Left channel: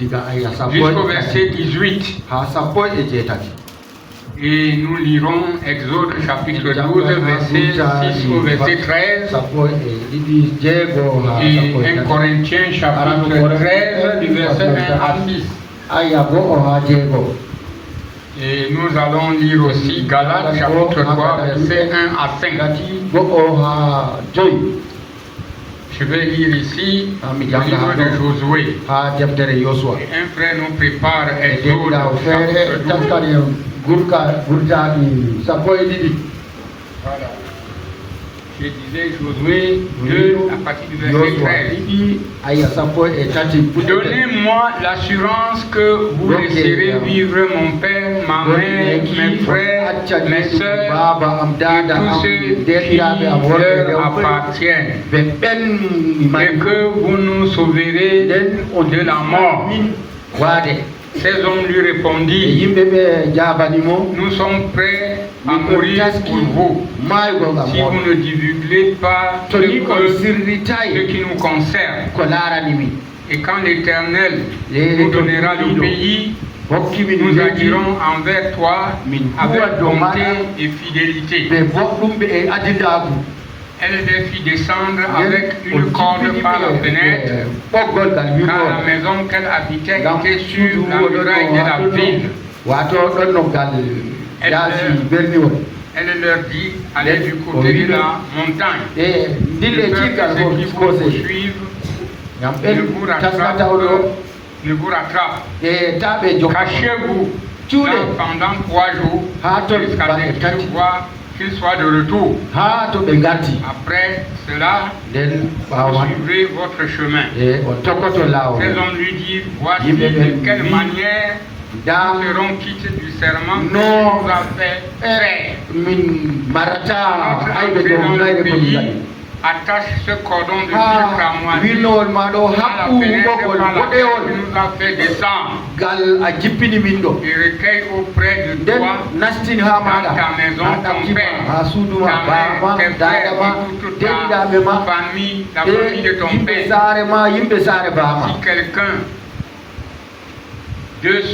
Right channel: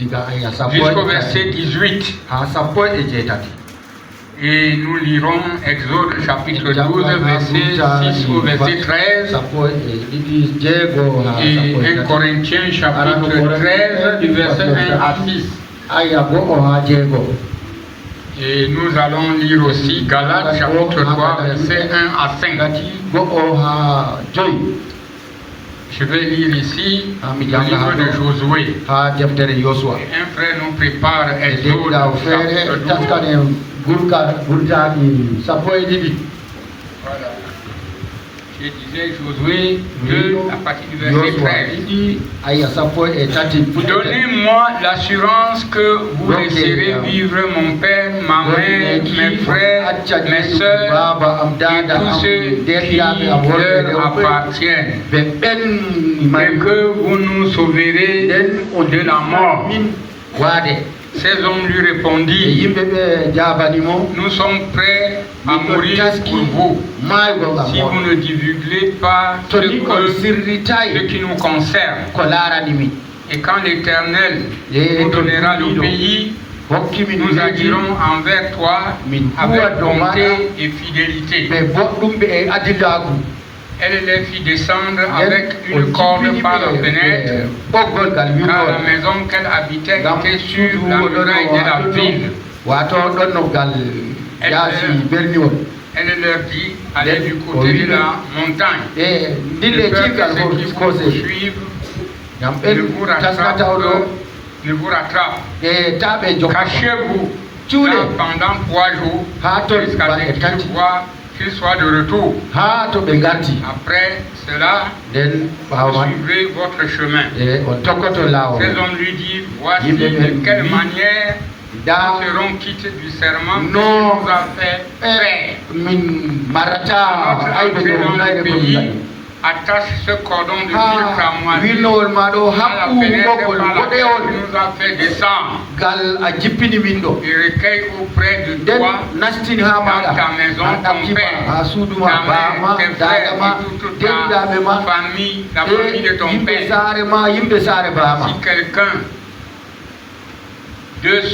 jusqu'au verset 18. Et nous lirons Exode chapitre 12, verset 6 au verset 13. Et 1 Corinthiens chapitre 13, du verset 1 à 6. Et nous allons lire aussi Galates chapitre 3, verset 1 à 5. Je vais lire ici le livre de Josué. Et un frère nous prépare Exode chapitre 12. Voilà. Je disais Josué 2 à partir du verset 13. Donnez-moi l'assurance que vous laisserez vivre mon père, ma mère, mes frères, mes soeurs et tous ceux qui leur appartiennent, et que vous nous sauverez de la mort. Ces hommes lui répondirent, nous sommes prêts à mourir pour vous, si vous ne divulguez pas ce qui nous concerne. Et quand l'Éternel nous donnera le pays, nous agirons envers toi avec bonté et fidélité. Elle les fit descendre avec une corde par la fenêtre, car la maison qu'elle habitait était sur la muraille de la ville. Elle leur dit, allez du côté de la montagne, de peur que ceux qui vous poursuivent ne vous rattrapent. Cachez-vous pendant 3 jours jusqu'à ce que je vois qu'il soit de retour. Après cela, vous suivrez votre chemin. Ces hommes lui disent, voici de quelle manière nous serons quittés du serment que nous a fait faire. Notre entrée dans le pays attache ce cordon de fil cramoisi à la fenêtre par laquelle tu nous as fait descendre. Et recueille auprès de toi, dans ta maison, ton père, ta mère, tes frères et toute ta famille, la famille de ton père. Si quelqu'un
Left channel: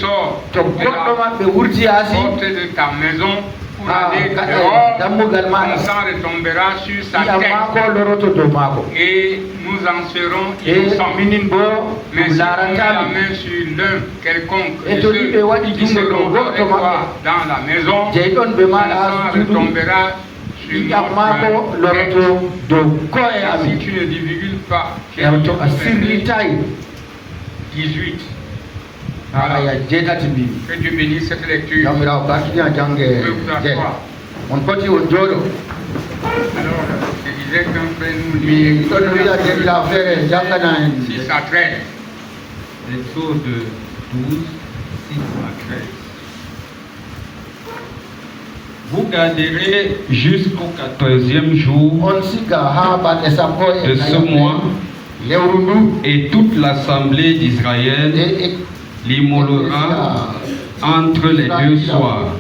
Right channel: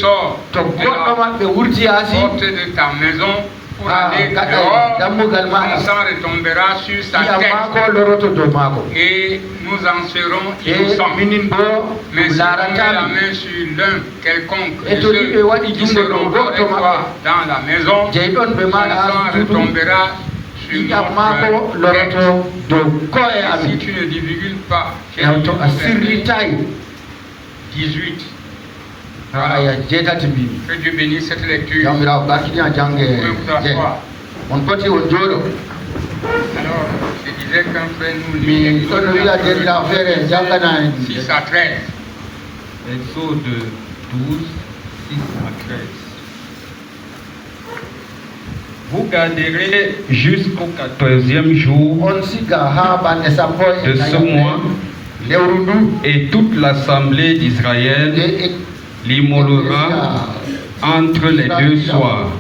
sort de la porte de ta maison pour aller dehors, le sang retombera sur sa tête et nous en serons innocents. Mais si on met la main sur l'un quelconque de ceux qui seront avec toi dans la maison, le sang retombera sur notre tête. Et si tu ne divulgues pas, verset 18. Voilà. Que Dieu bénisse cette lecture. On continue au jour. Je disais qu'un frère nous lit 6 à 13. Exode 12, 6 à 13. Vous garderez jusqu'au 14e jour de ce mois, et toute l'assemblée d'Israël l'immolera entre les 2 soirs.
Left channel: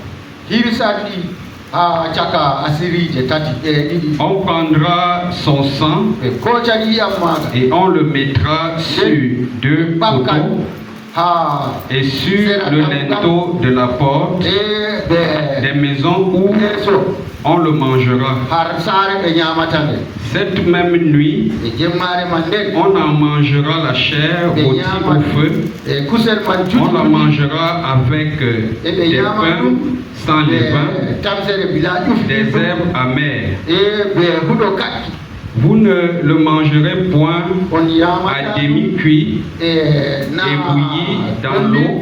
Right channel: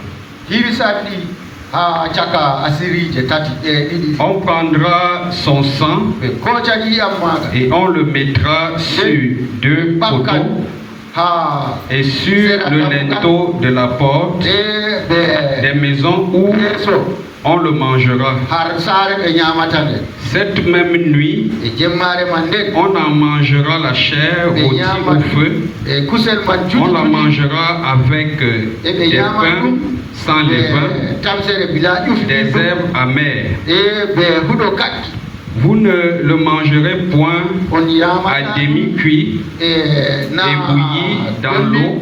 On prendra son sang et on le mettra sur 2 poteaux et sur le linteau de la porte des maisons où on le mangera. Cette même nuit, on en mangera la chair rôtie au feu. On la mangera avec des pains sans levain, des herbes amères. Vous ne le mangerez point à demi-cuit et bouilli dans l'eau,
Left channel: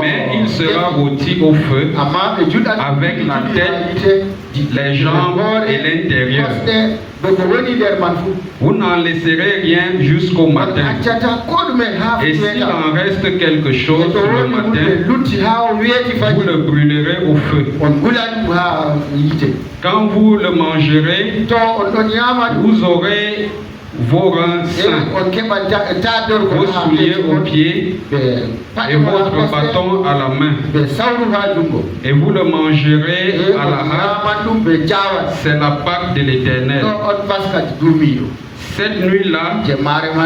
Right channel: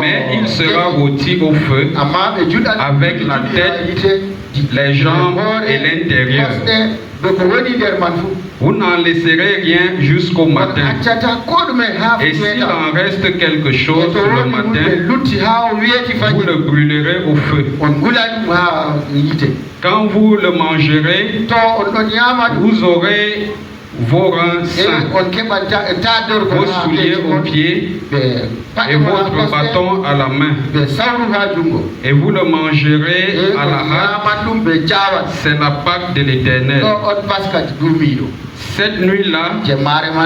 mais il sera rôti au feu avec la tête, les jambes et l'intérieur. Vous n'en laisserez rien jusqu'au matin. Et s'il en reste quelque chose le matin, vous le brûlerez au feu. Quand vous le mangerez, vous aurez vos reins sains, vos souliers aux pieds et votre bâton à la main. Et vous le mangerez à la hâte. C'est la Pâque de l'Éternel. Cette nuit-là,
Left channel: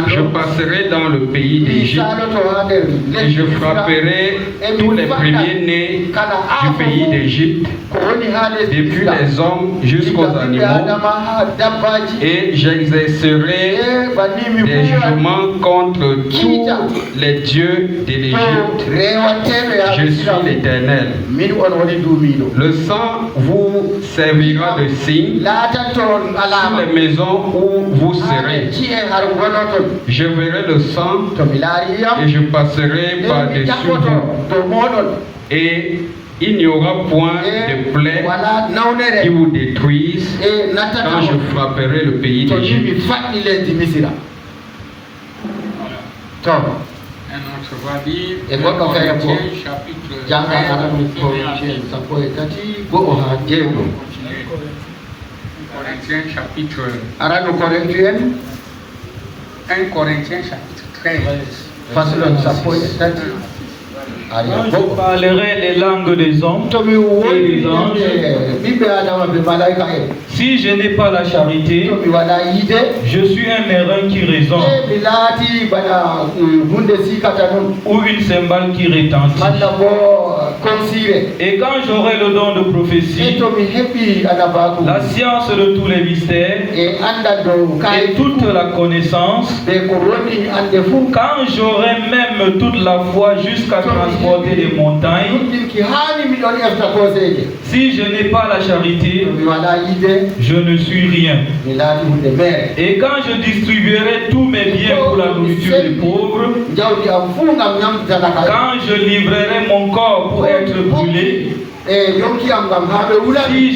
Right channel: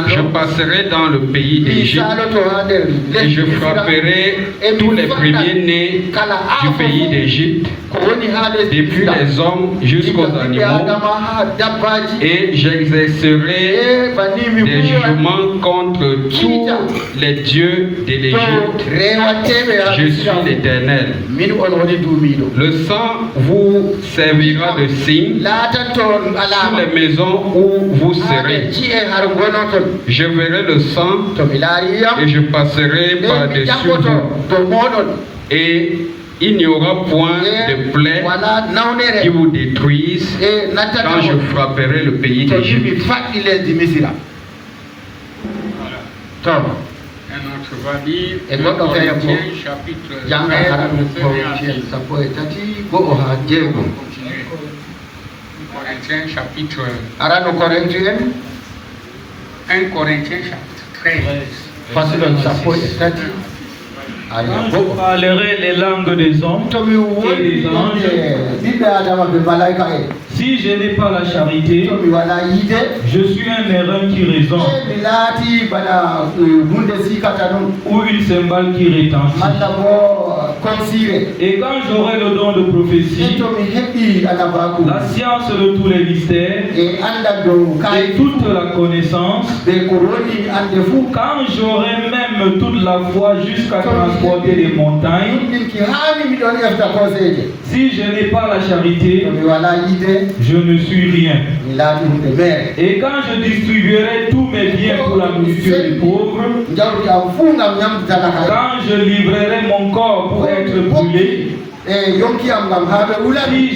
je passerai dans le pays d'Égypte et je frapperai tous les premiers-nés du pays d'Égypte, depuis les hommes jusqu'aux animaux, et j'exercerai des jugements contre tous les dieux de l'Égypte. Je suis l'Éternel. Le sang vous servira de signe sur les maisons où vous serez. Je verrai le sang et je passerai par-dessus vous. Et il n'y aura point de plaie qui vous détruise quand je frapperai le pays d'Égypte. Un autre va dire, Corinthiens chapitre 1 Corinthiens chapitre 13. Quand je parlerai les langues des hommes et des anges, si je n'ai pas la charité, je suis un airain qui résonne ou une cymbale qui retentit. Et quand j'aurai le don de prophétie, la science de tous les mystères et toute la connaissance, quand j'aurai même toute la foi jusqu'à transporter les montagnes, si je n'ai pas la charité, je ne suis rien. Et quand je distribuerai tous mes biens pour la nourriture des pauvres, quand je livrerai mon corps pour être brûlé, si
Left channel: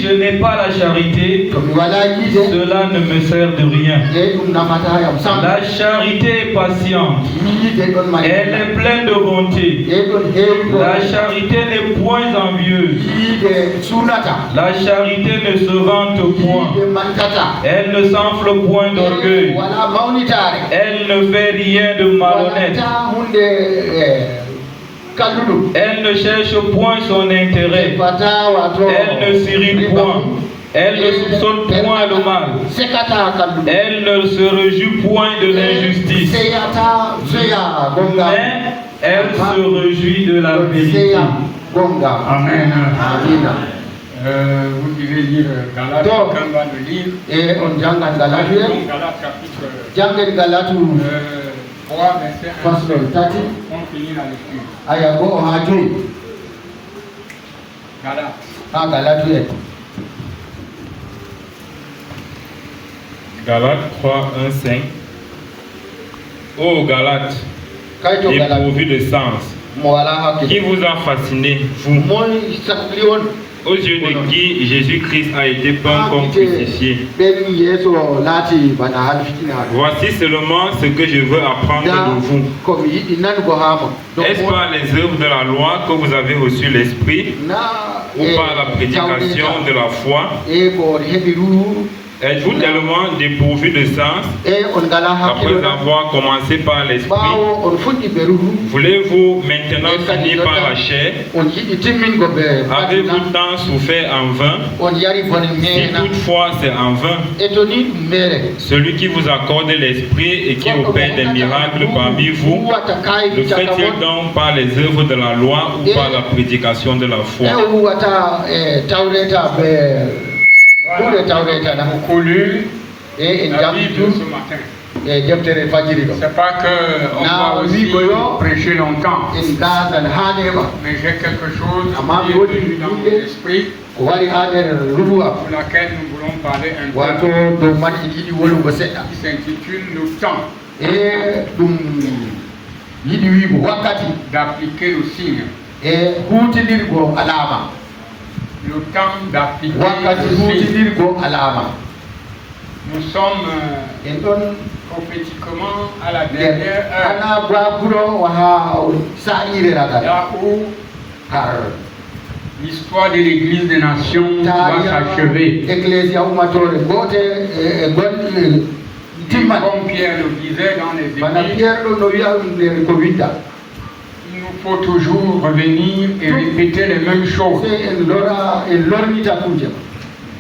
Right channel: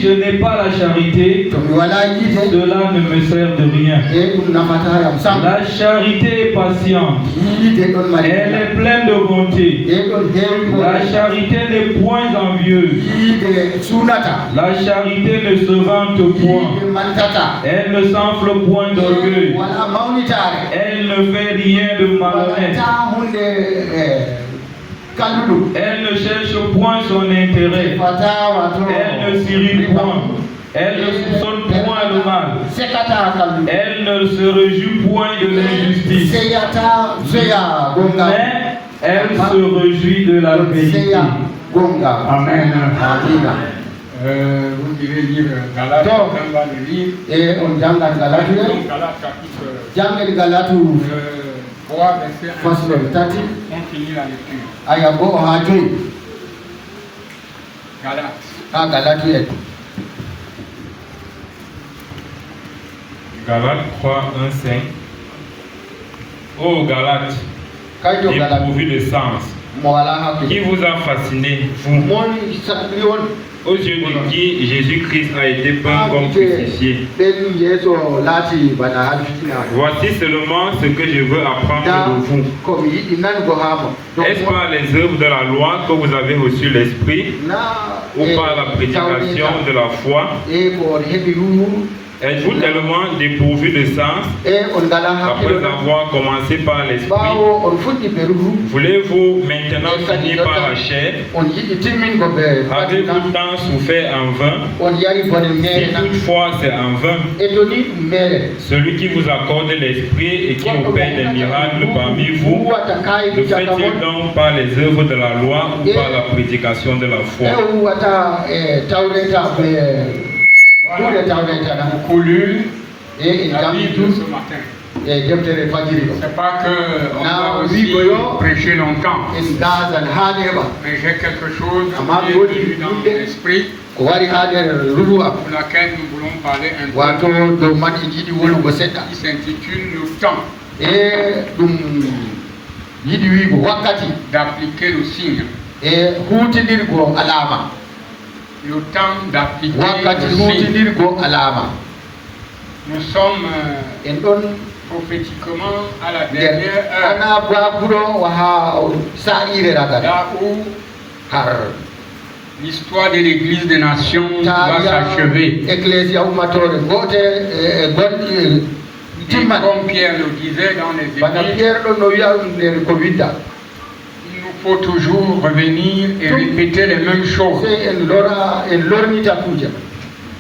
je n'ai pas la charité, cela ne me sert de rien. La charité est patiente, elle est pleine de bonté. La charité n'est point envieuse. La charité ne se vante point. Elle ne s'enfle point d'orgueil. Elle ne fait rien de malhonnête. Elle ne cherche point son intérêt. Elle ne s'irrite point. Elle ne soupçonne point le mal. Elle ne se réjouit point de l'injustice. Mais elle se réjouit de la vérité. Amen. Vous devez lire Galates, quand on va le lire. Et on jangan Galates. Galates chapitre 3, verset 1. On finit la lecture. Ayabo Hajui. Galates. Galates. Galates 3, 1, 5. Ô Galates, dépourvu de sens, qui vous a fasciné, vous, aux yeux de qui Jésus-Christ a été peint comme crucifié. Voici seulement ce que je veux apprendre de vous. Est-ce par les œuvres de la loi que vous avez reçu l'Esprit ou par la prédication de la foi? Êtes-vous tellement dépourvu de sens après avoir commencé par l'esprit? Voulez-vous maintenant finir par la chair? Avez-vous tant souffert en vain? Si toutefois c'est en vain, celui qui vous accorde l'esprit et qui opère des miracles parmi vous, le fait-il donc par les œuvres de la loi ou par la prédication de la foi? Beaucoup lu la Bible ce matin. C'est pas qu'on va aussi prêcher longtemps, mais j'ai quelque chose qui est venu dans mon esprit pour laquelle nous voulons parler un peu, qui s'intitule le temps d'appliquer le signe. Le temps d'appliquer le signe. Nous sommes prophétiquement à la dernière heure, là où l'histoire de l'Église des Nations va s'achever. Comme Pierre le disait dans les Églises, il faut toujours revenir et répéter les mêmes choses.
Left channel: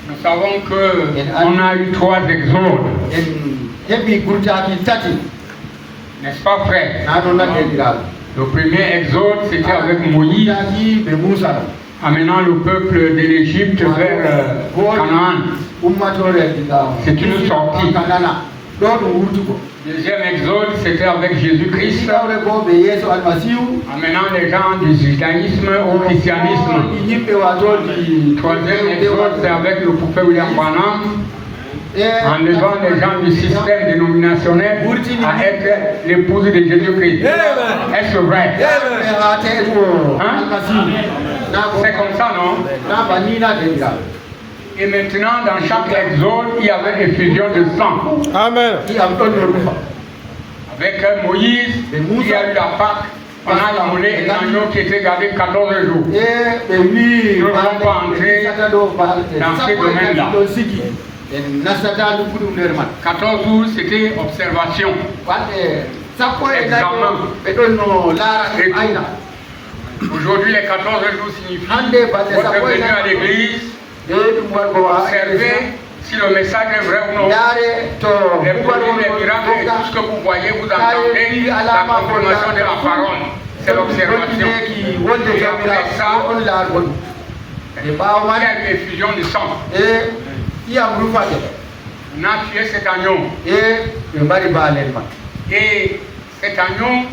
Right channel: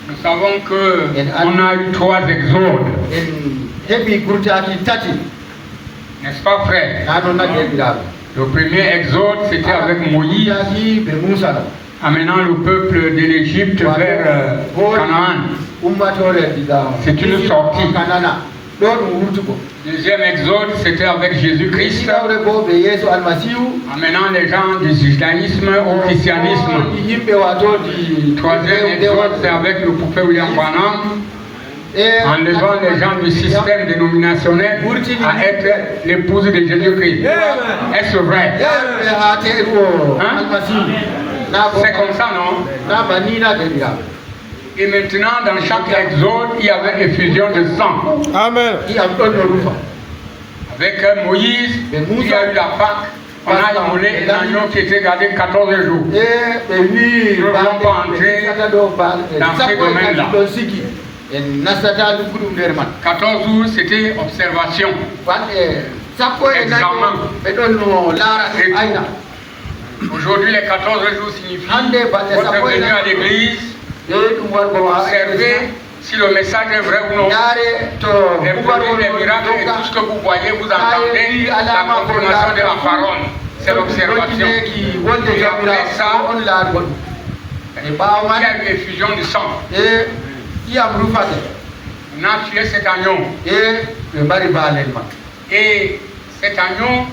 Nous savons qu'on a eu 3 exodes. N'est-ce pas, frère? Le premier exode, c'était avec Moïse, amenant le peuple de l'Égypte vers Canaan. C'est une sortie. Deuxième exode, c'était avec Jésus-Christ, amenant les gens du judaïsme au christianisme. Troisième exode, c'est avec le prophète William Branham, enlevant les gens du système dénominationnel à être l'épouse de Jésus-Christ. Est-ce vrai? C'est comme ça, non? Et maintenant, dans chaque exode, il y avait effusion de sang. Amen. Avec Moïse, il y a eu la Pâque. On a immolé un agneau qui était gardé 14 jours. Nous ne voulons pas entrer dans ces domaines-là. 14 jours, c'était observation. Examen. Aujourd'hui, les 14 jours signifient votre venue à l'église, observez si le message est vrai ou non. Les produits, les miracles et tout ce que vous voyez, vous entendez la confirmation de la parole. C'est l'observation. Et après ça, il y a une effusion du sang. On a tué cet agneau. Et cet agneau,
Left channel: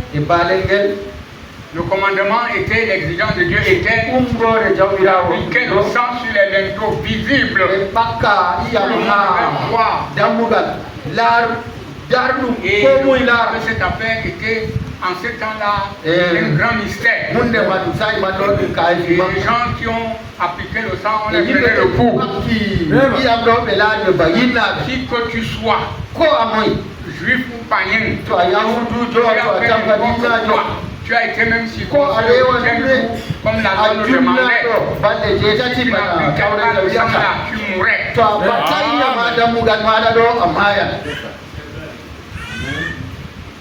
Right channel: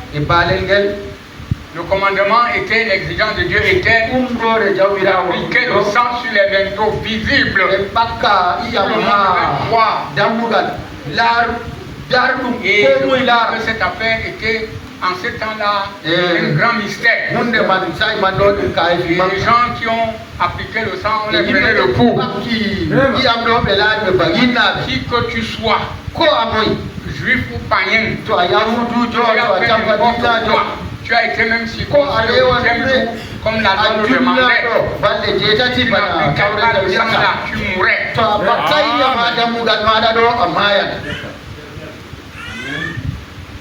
le commandement était, l'exigence de Dieu était d'appliquer le sang sur les linteaux visibles. Et que cette affaire était en ce temps-là un grand mystère. Et les gens qui ont appliqué le sang, on les prenait le coup. Si que tu sois juif ou païen, tu as été même si comme la Bible demandait, tu mourrais.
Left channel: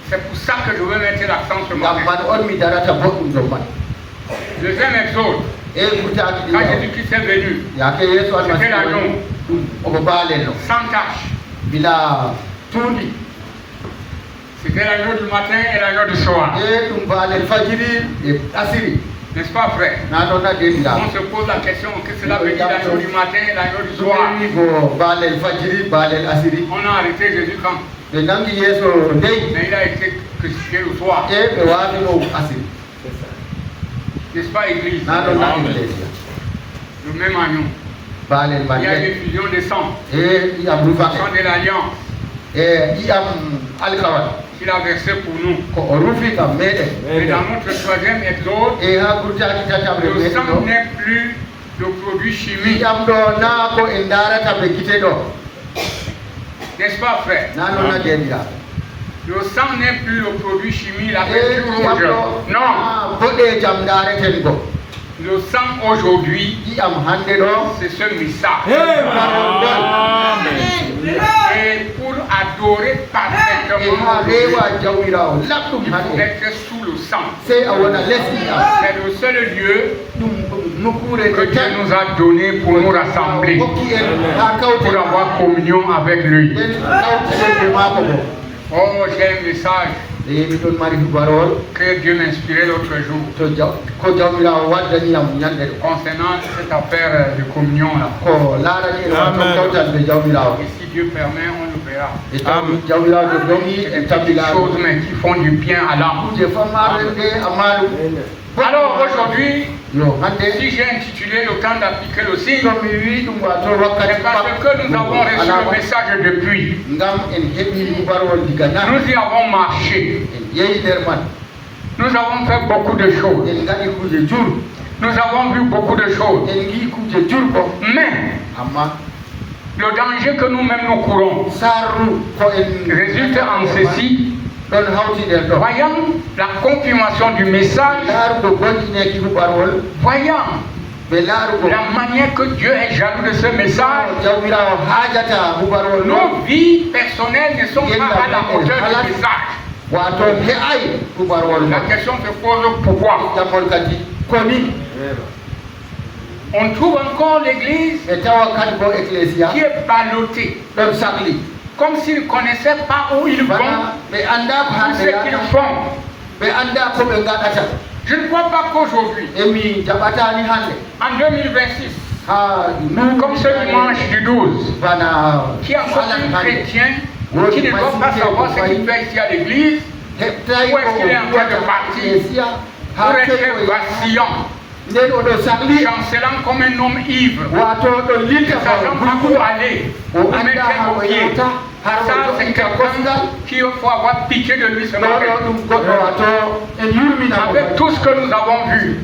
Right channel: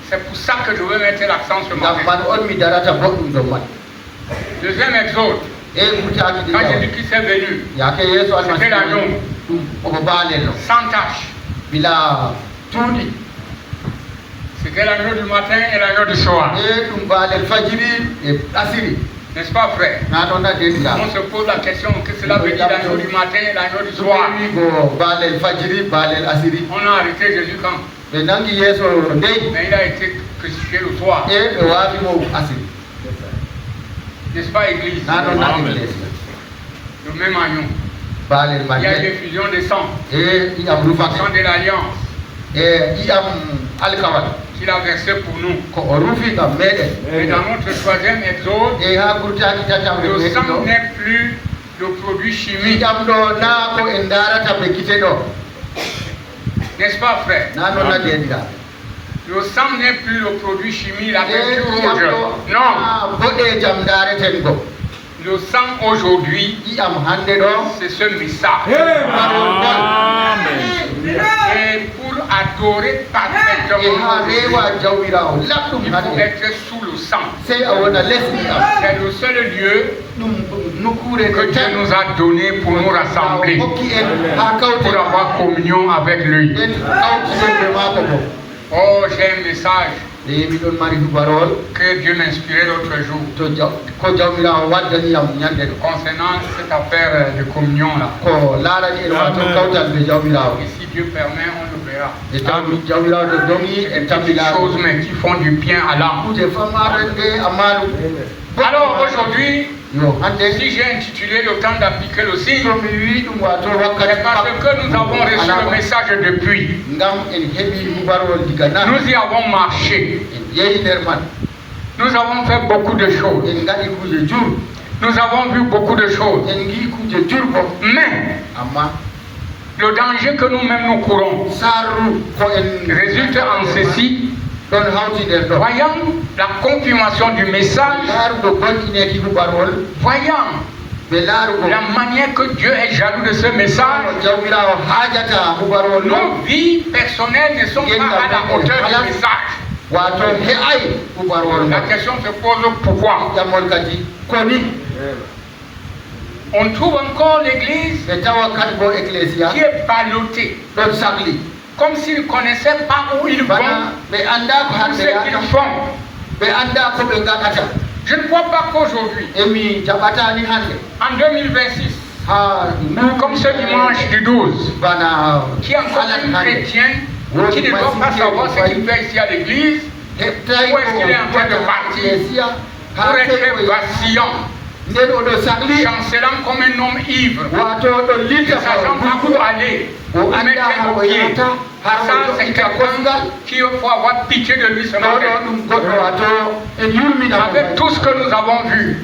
C'est pour ça que je veux mettre l'accent sur moi. Deuxième exode, quand Jésus-Christ est venu, c'était l'agneau, sans tache. C'était l'agneau du matin et l'agneau du soir. N'est-ce pas, frère? On se pose la question que cela veut dire l'agneau du matin et l'agneau du soir. On a arrêté Jésus quand? Mais il a été crucifié le soir. N'est-ce pas, église? Le même agneau. Il y a une effusion de sang. Le sang de l'alliance. Qu'il a versé pour nous. Et dans notre troisième exode, le sang n'est plus le produit chimique. N'est-ce pas, frère? Le sang n'est plus le produit chimique, la rouge. Non. Le sang aujourd'hui, c'est ce message. Et pour adorer parfaitement, il faut être sous le sang. C'est le seul lieu que Dieu nous a donné pour nous rassembler, pour avoir communion avec lui. Oh, j'ai un message que Dieu m'a inspiré l'autre jour concernant cette affaire de communion là. Et si Dieu permet, on le verra. Des petites choses mais qui font du bien à l'âme. Alors aujourd'hui, si j'ai intitulé le temps d'appliquer le signe, c'est parce que nous avons reçu le message depuis. Nous y avons marché. Nous avons fait beaucoup de choses. Nous avons vu beaucoup de choses. Mais le danger que nous-mêmes nous courons résulte en ceci. Voyant la confirmation du message, voyant la manière que Dieu est jaloux de ce message, nos vies personnelles ne sont pas à la hauteur du message. La question se pose pourquoi? On trouve encore l'église qui est ballottée comme s'ils ne connaissaient pas où ils vont, tout ce qu'ils font. Je ne crois pas qu'aujourd'hui, en 2026, comme ce dimanche du 12, qui est encore un chrétien qui ne doit pas savoir ce qu'il fait ici à l'église, où est-ce qu'il est en train de partir, pour être vacillant, chancelant comme un homme ivre, ne sachant pas où aller, où mettre nos pieds. Ça, c'est quelqu'un qui faut avoir pitié de lui ce matin. Avec tout ce que nous avons vu,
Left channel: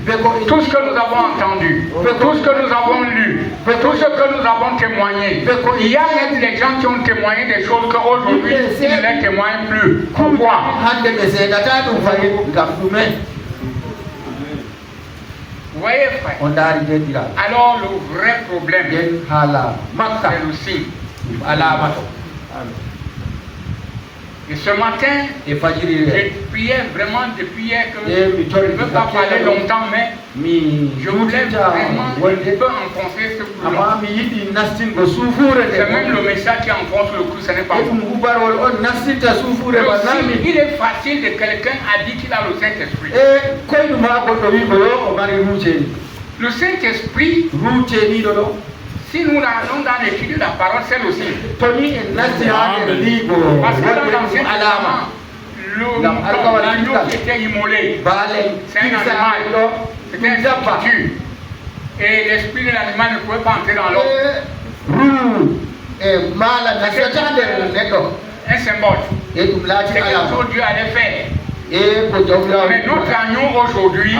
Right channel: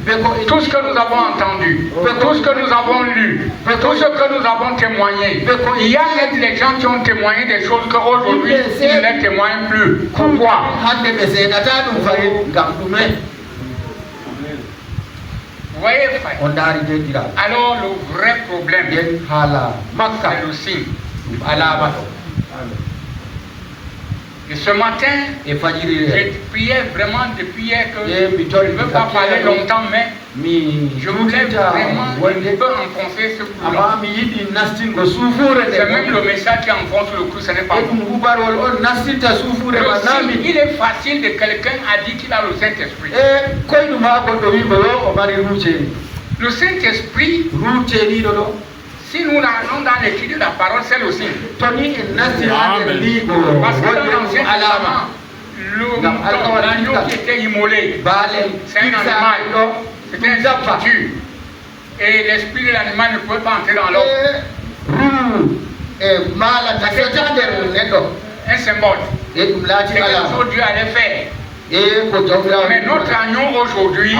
tout ce que nous avons entendu, tout ce que nous avons lu, tout ce que nous avons témoigné, il y a même des gens qui ont témoigné des choses qu'aujourd'hui, ils ne les témoignent plus. Pourquoi? Vous voyez, frère? Alors, le vrai problème, c'est le signe. Et ce matin, j'ai prié vraiment depuis hier que je ne veux pas parler longtemps, mais je voulais vraiment un peu enfoncer ce coup-là. C'est même le message qui enfonce le coup, ce n'est pas moi. Il est facile de quelqu'un a dit qu'il a le Saint-Esprit. Le Saint-Esprit, si nous allons dans l'étude de la parole, c'est le signe. Parce que dans l'Ancien Testament, l'agneau qui était immolé, c'est un animal, c'était un substitut. Et l'esprit de l'animal ne pouvait pas entrer dans l'homme. Un symbole. C'est quelque chose que Dieu allait faire. Mais notre agneau aujourd'hui,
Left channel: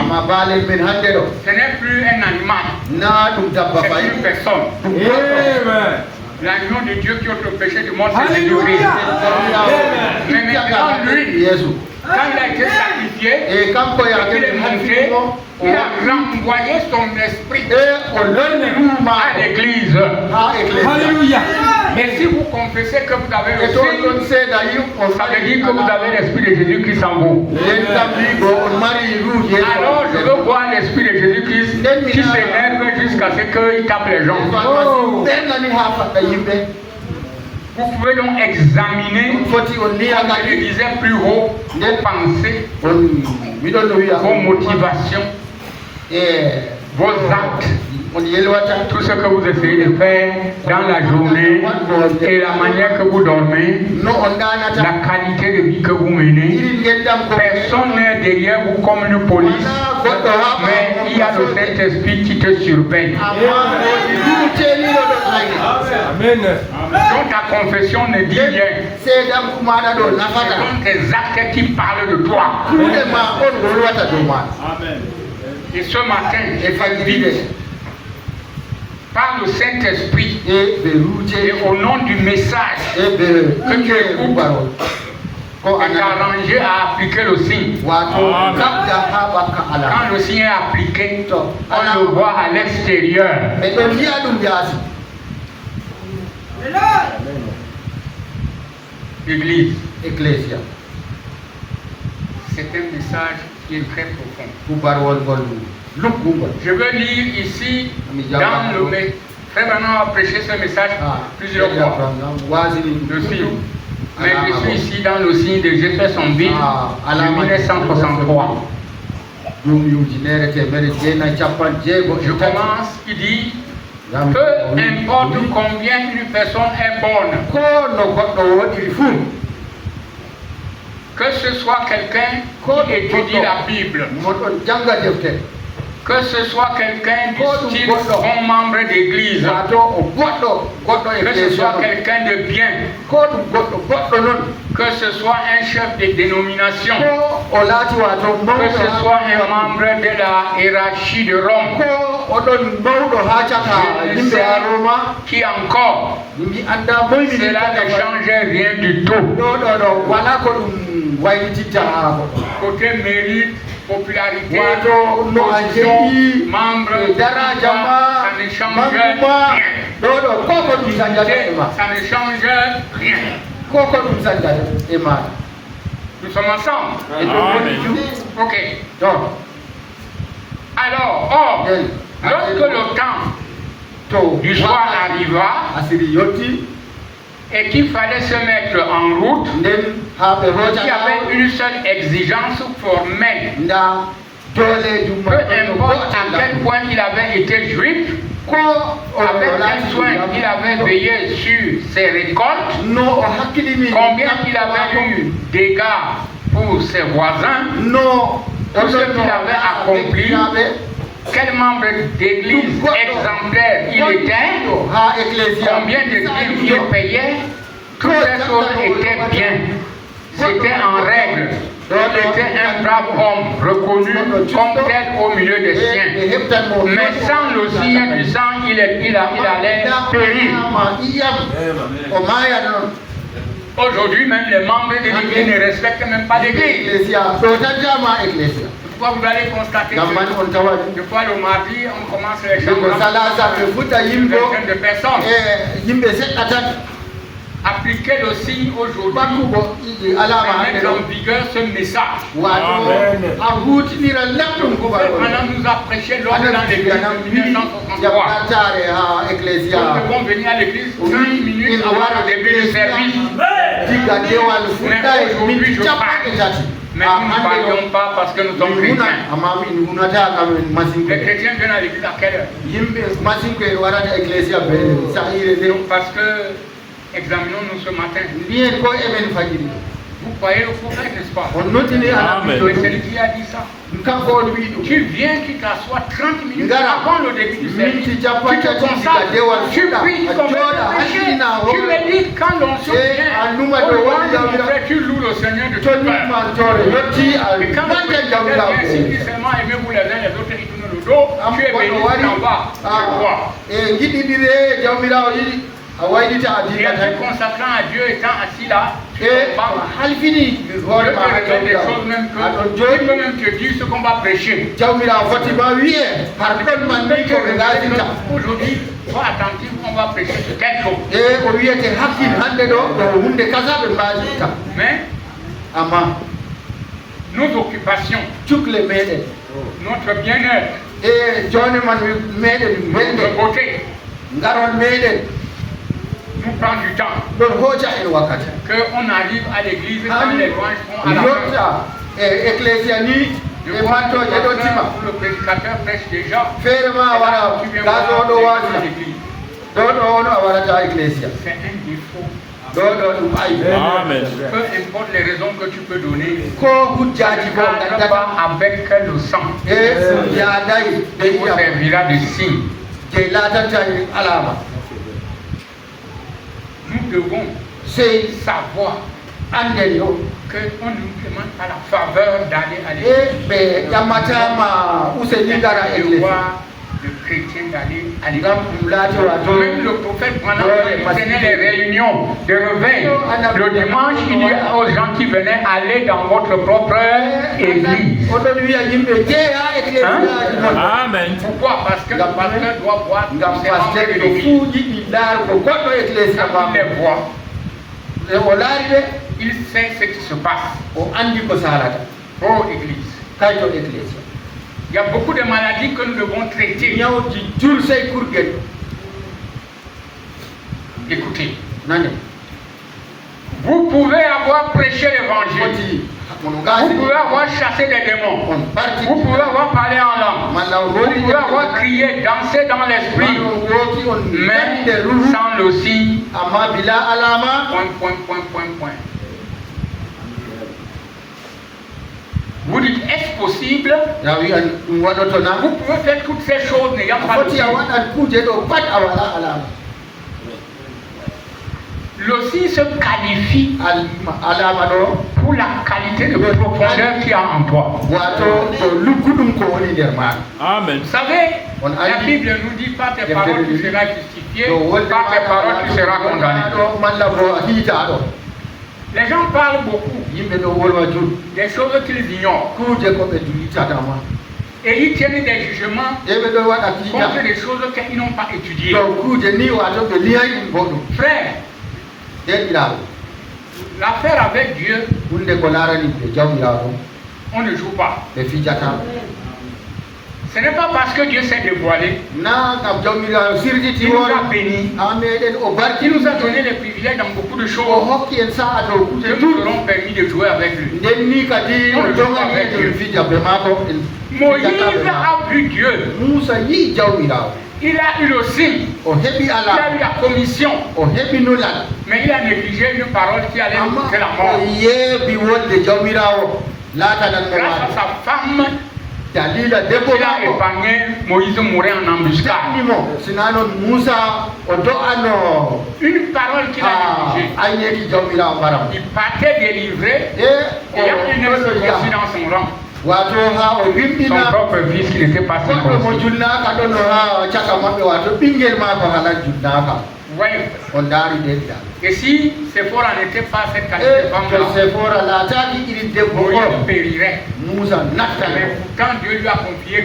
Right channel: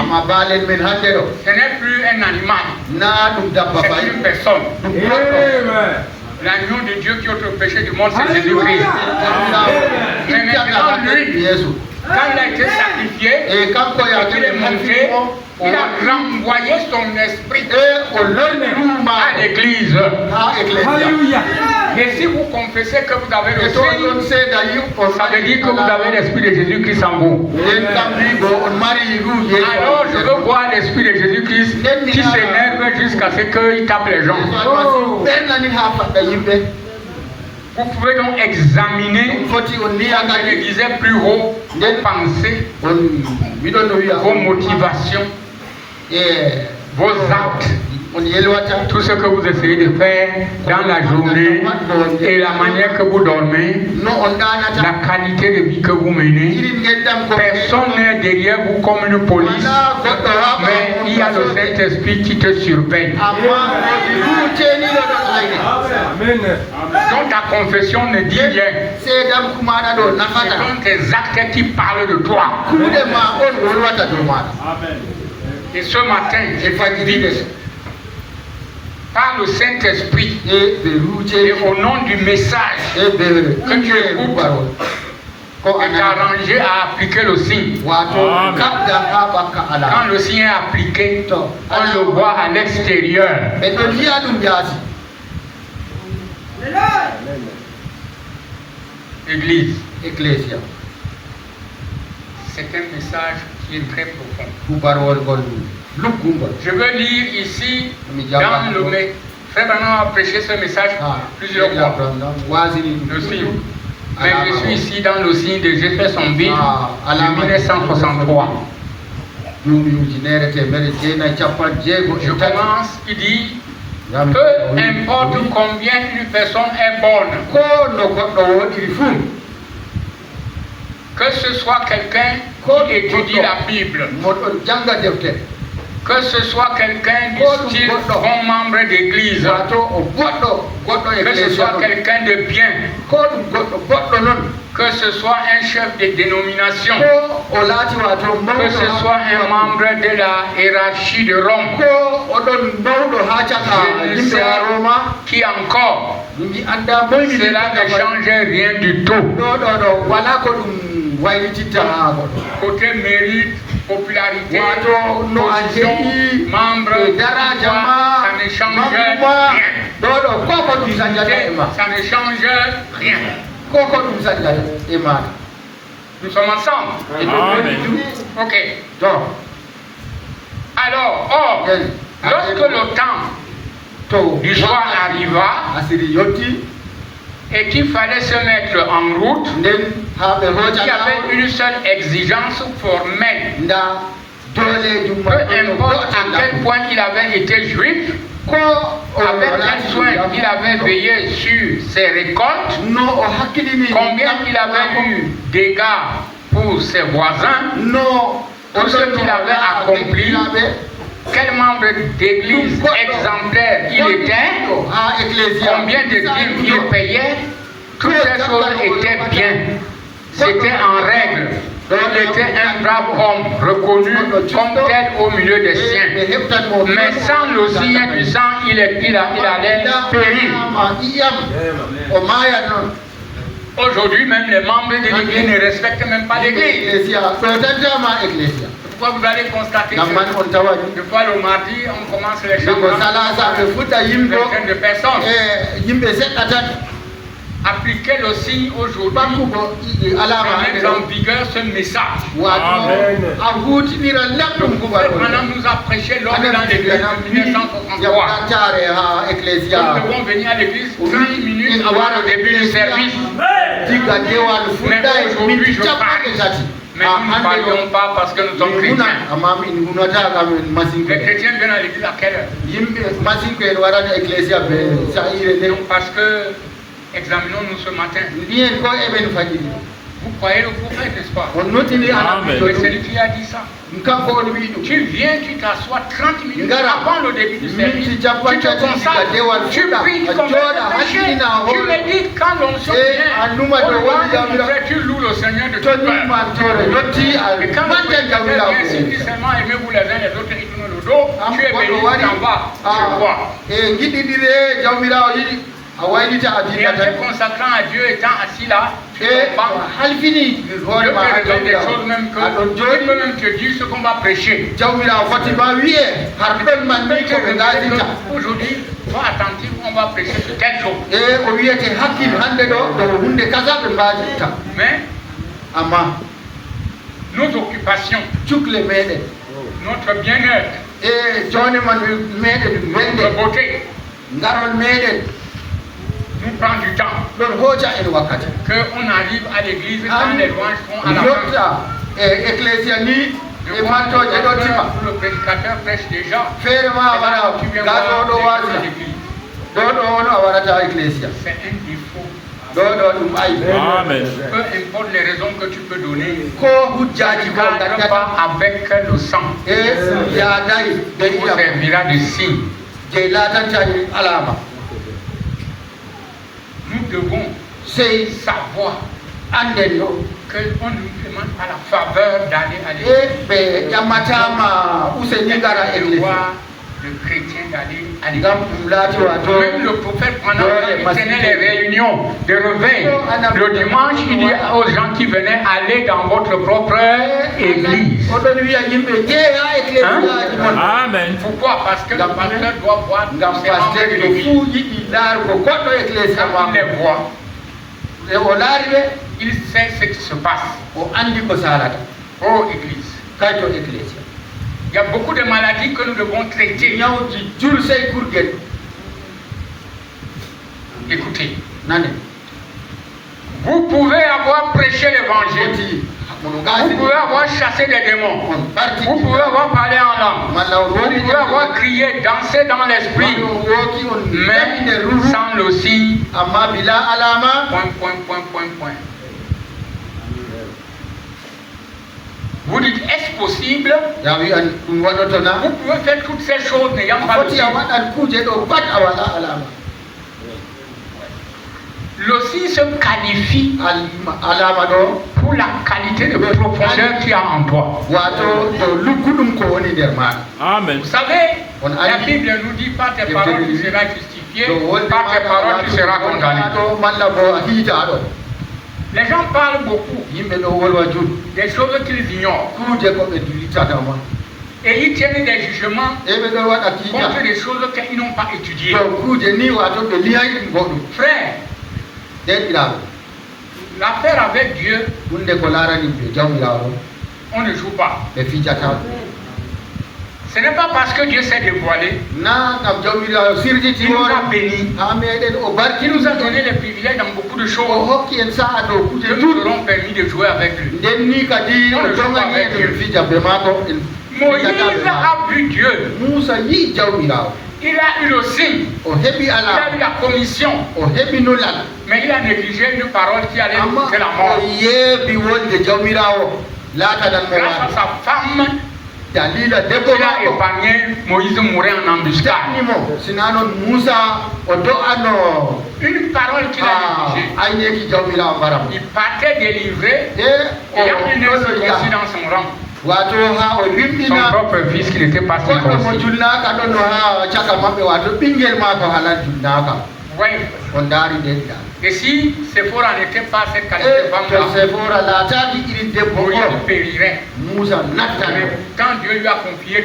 ce n'est plus un animal, c'est une personne. L'agneau de Dieu qui ôte le péché du monde, c'est Jésus-Christ. Mais maintenant, lui, quand il a été sacrifié, et qu'il est monté, il a renvoyé son esprit à l'église. Alléluia. Et si vous confessez que vous avez le Signe, ça veut dire que vous avez l'esprit de Jésus-Christ en vous. Alors je veux voir l'esprit de Jésus-Christ qui s'énerve jusqu'à ce qu'il tape les gens. Vous pouvez donc examiner, comme je le disais plus haut, vos pensées, vos motivations, vos actes, tout ce que vous essayez de faire dans la journée et la manière que vous dormez, la qualité de vie que vous menez. Personne n'est derrière vous comme une police, mais il y a le Saint-Esprit qui te surveille. Donc ta confession ne dit rien. C'est donc tes actes qui parlent de toi. Et ce matin, j'évangélise par le Saint-Esprit et au nom du message que tu écoutes, et t'arranger à appliquer le signe. Quand le signe est appliqué, on le voit à l'extérieur. Église, Ecclésia. C'est un message qui est très profond. Je veux lire ici dans le mai. Frère Branham a prêché ce message plusieurs fois. Le signe. Mais je suis ici dans le signe de Jeffersonville de 1963. Je commence, il dit, peu importe combien une personne est bonne, que ce soit quelqu'un qui étudie la Bible, que ce soit quelqu'un du style bon membre d'église, que ce soit quelqu'un de bien, que ce soit un chef de dénomination, que ce soit un membre de la hiérarchie de Rome, je ne sais qui encore, cela ne change rien du tout. Côté mérite, popularité, position, membre, ça ne change rien. Ça ne change rien. Nous sommes ensemble. Ok. Alors, lorsque le temps du soir arriva, et qu'il fallait se mettre en route, il y avait une seule exigence formelle. Peu importe à quel point il avait été juif, avec quel soin il avait veillé sur ses récoltes, combien il avait eu dégâts pour ses voisins, tout ce qu'il avait accompli, quel membre d'église exemplaire il était, combien de dîmes il payait, toutes ces choses étaient bien, c'était en règle. Il était un brave homme reconnu comme tel au milieu des siens. Mais sans le signe du sang, il allait périr. Aujourd'hui, même les membres de l'église ne respectent même pas l'église. Pourquoi vous allez constater que de fois le mardi, on commence les chambres, une vingtaine de personnes. Appliquer le signe aujourd'hui, c'est mettre en vigueur ce message. Maintenant, nous a prêché l'homme dans l'église en 1963. Nous devons venir à l'église 30 minutes avant le début du service. Mais aujourd'hui, je parle. Mais nous ne parlions pas parce que nous sommes chrétiens. Les chrétiens viennent à l'église à quelle heure? Parce que examinons-nous ce matin. Vous croyez le prophète, n'est-ce pas? Mais c'est lui qui a dit ça. Tu viens, tu t'assois 30 minutes avant le début du service. Tu te consacres, tu pries comme un péché. Tu médites quand l'on se vient. Tu loues le Seigneur de tout cœur. Et quand tu viens simplement aimez-vous les uns les autres et tournent le dos, tu es béni en bas. Et en te consacrant à Dieu étant assis là, tu peux des choses même que Dieu peut même te dire ce qu'on va prêcher. Aujourd'hui, sois attentif, on va prêcher sur quelque chose. Mais nos occupations, notre bien-être, notre beauté, nous prend du temps. Qu'on arrive à l'église quand les louanges font à la le prédicateur prêche déjà. C'est un défaut. Amen. Peu importe les raisons que tu peux donner, avec le sang, il servira de signe. Nous devons savoir qu'on nous demande à la faveur d'aller à l'église. Le chrétien d'aller à l'église. Même le prophète, pendant qu'il tenait les réunions de réveil le dimanche, il dit aux gens qui venaient aller dans votre propre église. Amen. Pourquoi? Parce que le pasteur doit voir il sait ce qui se passe. Oh, église. Il y a beaucoup de maladies que nous devons traiter. Écoutez, vous pouvez avoir prêché l'évangile, vous pouvez avoir chassé des démons, vous pouvez avoir parlé en langue, vous pouvez avoir crié, dansé dans l'esprit, mais sans le signe, point. Vous dites, est-ce possible? Vous pouvez faire toutes ces choses n'ayant pas le signe. Le signe se qualifie pour la qualité de profondeur qu'il y a en toi. Amen. Vous savez, la Bible nous dit par tes paroles tu seras justifié, par tes paroles tu seras condamné. Les gens parlent beaucoup des choses qu'ils ignorent. Et ils tiennent des jugements contre des choses qu'ils n'ont pas étudiées. Frère, l'affaire avec Dieu, on ne joue pas. Ce n'est pas parce que Dieu s'est dévoilé. Il nous a bénis. Il nous a donné les privilèges dans beaucoup de choses. Que nous aurons permis de jouer avec lui. Moïse a vu Dieu. Il a eu le signe. Il a eu la commission. Mais il a négligé une parole qui allait nous faire la mort. Grâce à sa femme, il a épargné Moïse mourir en embuscade. Une parole qu'il a négligée. Il partait délivrer et il y a une insurrection dans son rang. Son propre fils qui n'était pas circoncis. Et si Séphora n'était pas cette qualité de femme-là, Moïse périrait. Mais quand Dieu lui a confié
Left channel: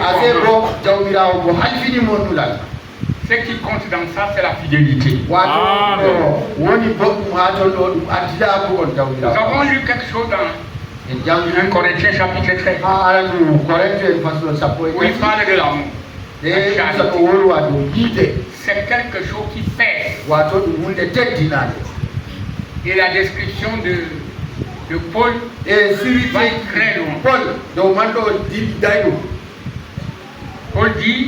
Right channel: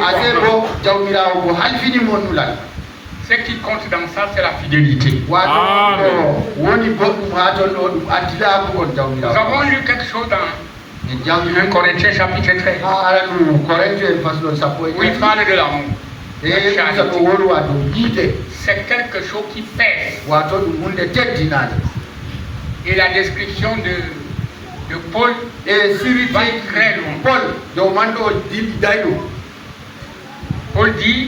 ce qui compte dans ça, c'est la fidélité. Nous avons lu quelque chose dans 1 Corinthiens chapitre 13. Où il parle de l'amour. C'est quelque chose qui pèse. Et la description de Paul va très loin. Paul dit,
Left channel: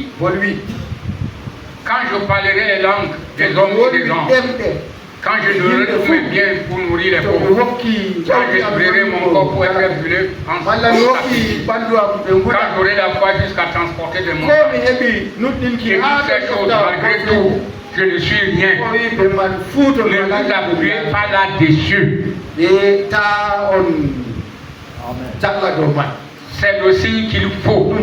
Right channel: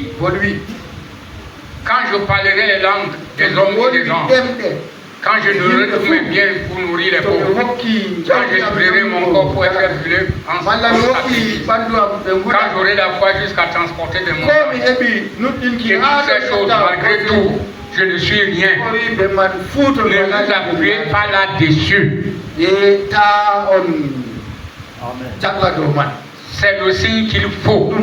quand je parlerai les langues des hommes et des anges, quand je donnerai tous mes biens pour nourrir les pauvres, quand je livrerai mon corps pour être brûlé, quand j'aurai la foi jusqu'à transporter des morts, et toutes ces choses, malgré tout, je ne suis rien. Ne vous appuyez pas là-dessus. C'est le signe qu'il faut.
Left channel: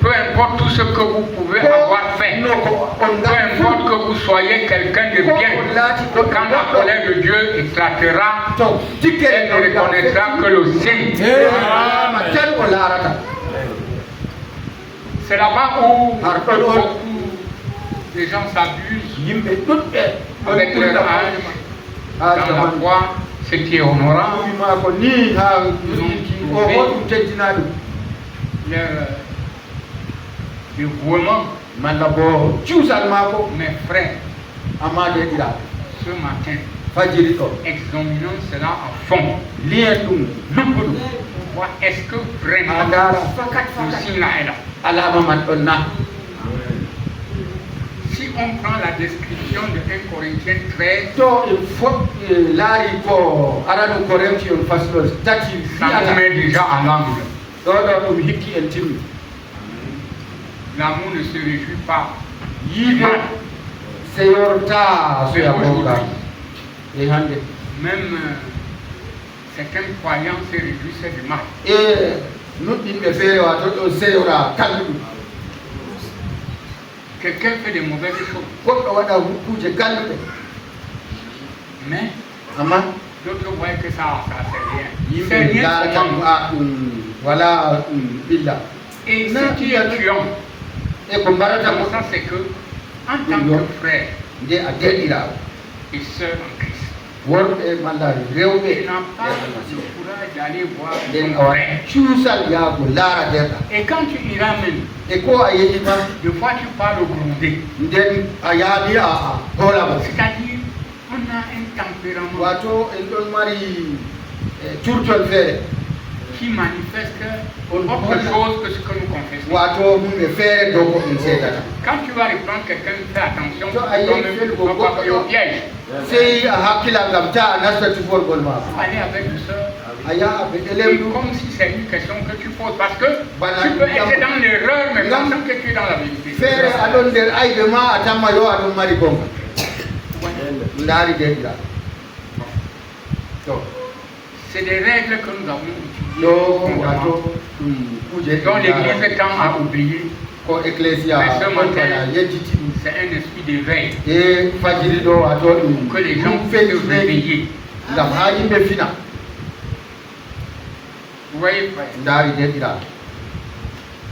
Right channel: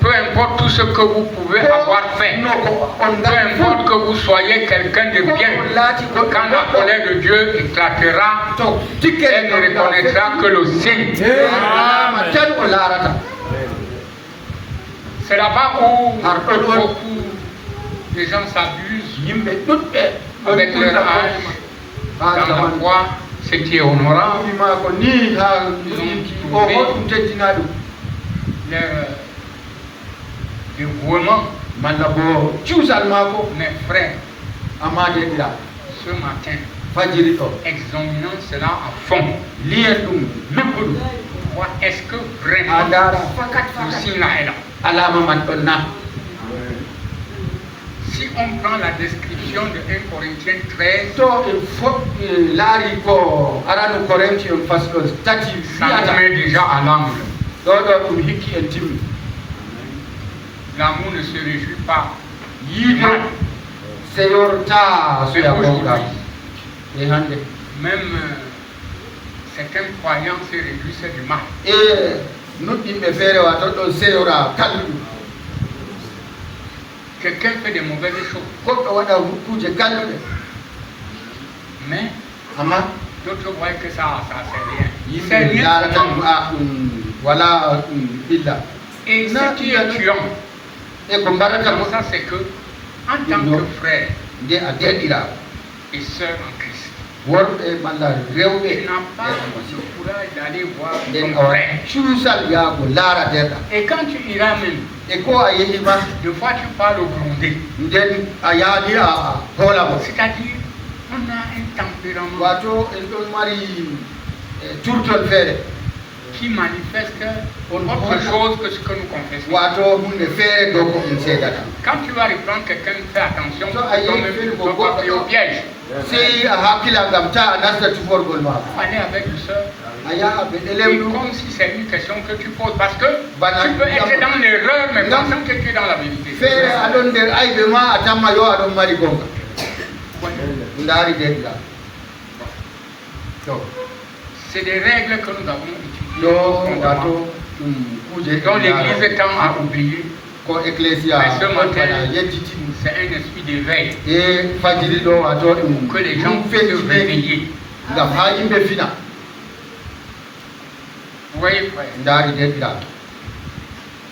Peu importe tout ce que vous pouvez avoir fait, peu importe que vous soyez quelqu'un de bien, quand la colère de Dieu éclatera, elle ne reconnaîtra que le signe. C'est là-bas où beaucoup de gens s'abusent avec leur âge, dans la foi. Ce qui est honorable, le dévouement. Mes frères, ce matin, examinons cela à fond. Voir est-ce que vraiment le signe est là. Si on prend la description de 1 Corinthiens 13, ça nous met déjà à l'angle. L'amour ne se réjouit pas. Même certains croyants se réjouissent du mal. Quelqu'un fait des mauvaises choses. Mais d'autres voient que ça c'est rien. Et ce qui est tuant, ça c'est que en tant que frère et sœur en Christ, il n'a pas le courage d'aller voir son frère. Et quand tu iras même, des fois tu parles grondé. C'est-à-dire, on a un tempérament qui manifeste autre chose que ce que nous confessons. Quand tu vas reprendre quelqu'un, fais attention, tu ne vas pas au piège. Aller avec le soeur, et comme si c'est une question que tu poses, parce que tu peux être dans l'erreur, mais pensant que tu es dans la vérité. C'est des règles que nous avons utilisées. Dont l'Église tend à oublier. Mais ce matin, c'est un esprit d'éveil. Que les gens puissent se réveiller. Vous voyez, frère?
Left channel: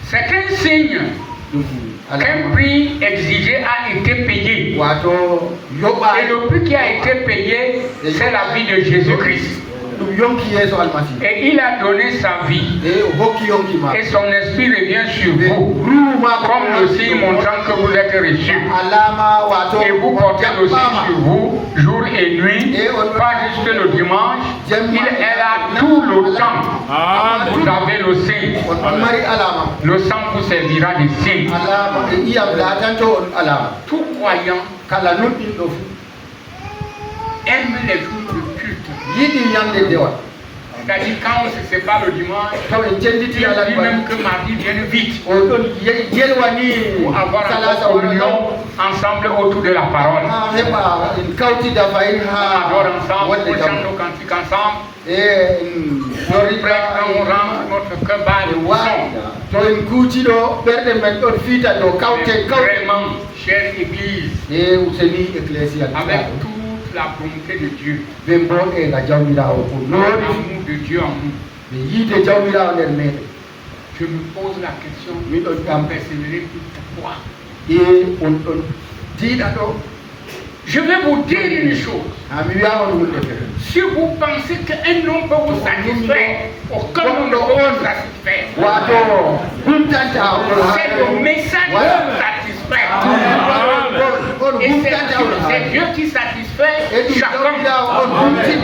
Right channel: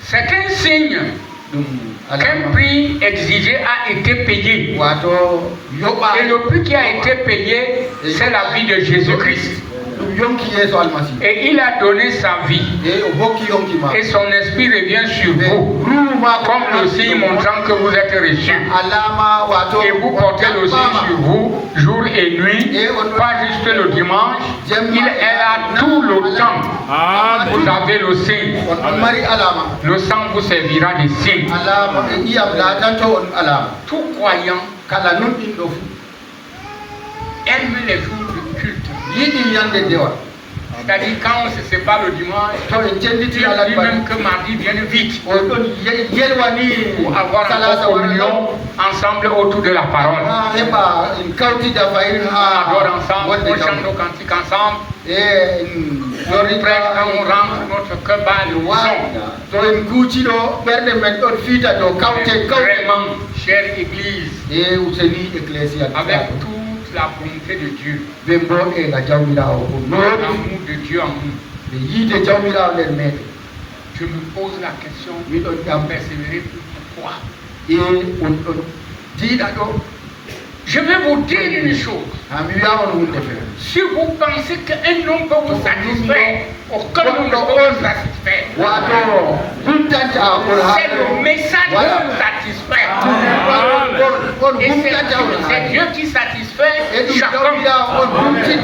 C'est un signe qu'un prix exigé a été payé. Et le prix qui a été payé, c'est la vie de Jésus-Christ. Et il a donné sa vie. Et son esprit revient sur vous. Comme le signe montrant que vous êtes reçus. Et vous portez le signe sur vous, jour et nuit, pas juste le dimanche. Il est là tout le temps. Vous avez le signe. Le sang vous servira de signe. Tout croyant aime les jours de culte. C'est-à-dire quand on se sépare le dimanche, il dit même que mardi vienne vite. Pour avoir une communion ensemble autour de la parole. On adore ensemble, on chante nos cantiques ensemble. On rentre notre cœur bas de vraiment, chère Église, avec toute la volonté de Dieu, l'amour de Dieu en nous, je me pose la question, persévérer pourquoi? Je vais vous dire une chose. Si vous pensez qu'un homme peut vous satisfaire, aucun homme ne peut vous satisfaire. C'est le message qui vous satisfait. Et c'est Dieu qui satisfait chacun. Qui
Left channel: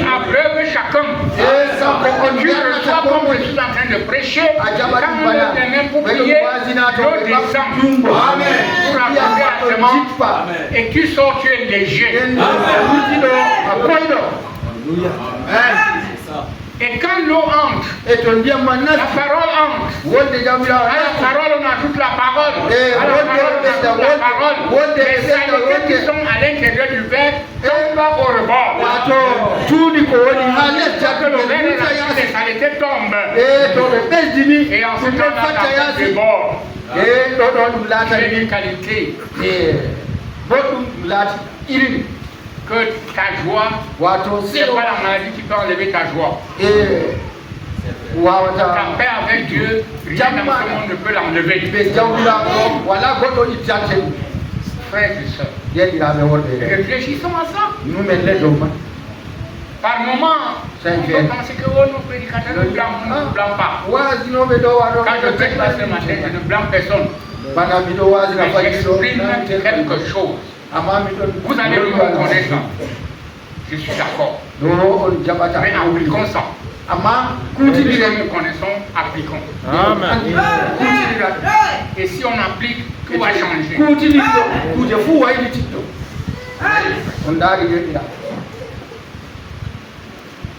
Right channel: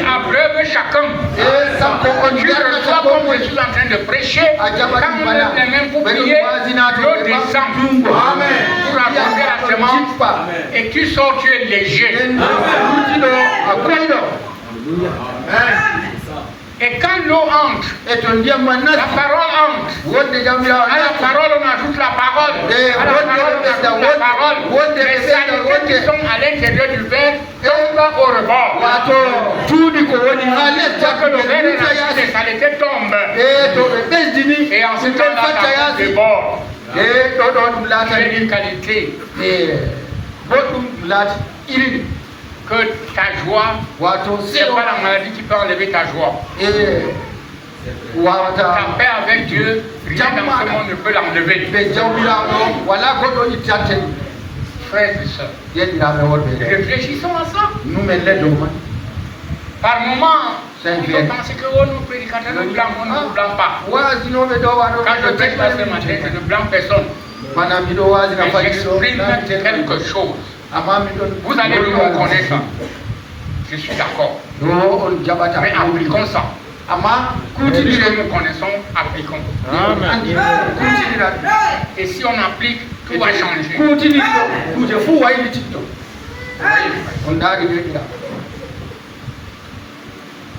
abreuve chacun. Tu reçois comme je suis en train de prêcher. Quand vous êtes même pour prier, l'eau descend. Pour accorder la semence. Et tu sors, tu es léger. Et quand l'eau entre, la parole entre. À la parole, on ajoute la parole. À la parole, on ajoute la parole. Les saletés qui sont à l'intérieur du verre tombent au rebord. Le verre est là, les saletés tombent. Et ensuite, on a le bord. C'est une qualité. Que ta joie, c'est pas la maladie qui peut enlever ta joie. Ta paix avec Dieu, rien dans ce monde ne peut l'enlever. Frères et sœurs, réfléchissons à ça. Par moment, on pense que nos prédicateurs ne blâment pas. Quand je prêche ce matin, je ne blâme personne. Mais j'exprime quelque chose. Vous allez nous reconnaître. Je suis d'accord. Mais appliquons ça. Si nous connaissons, appliquons. Et si on applique, tout va changer.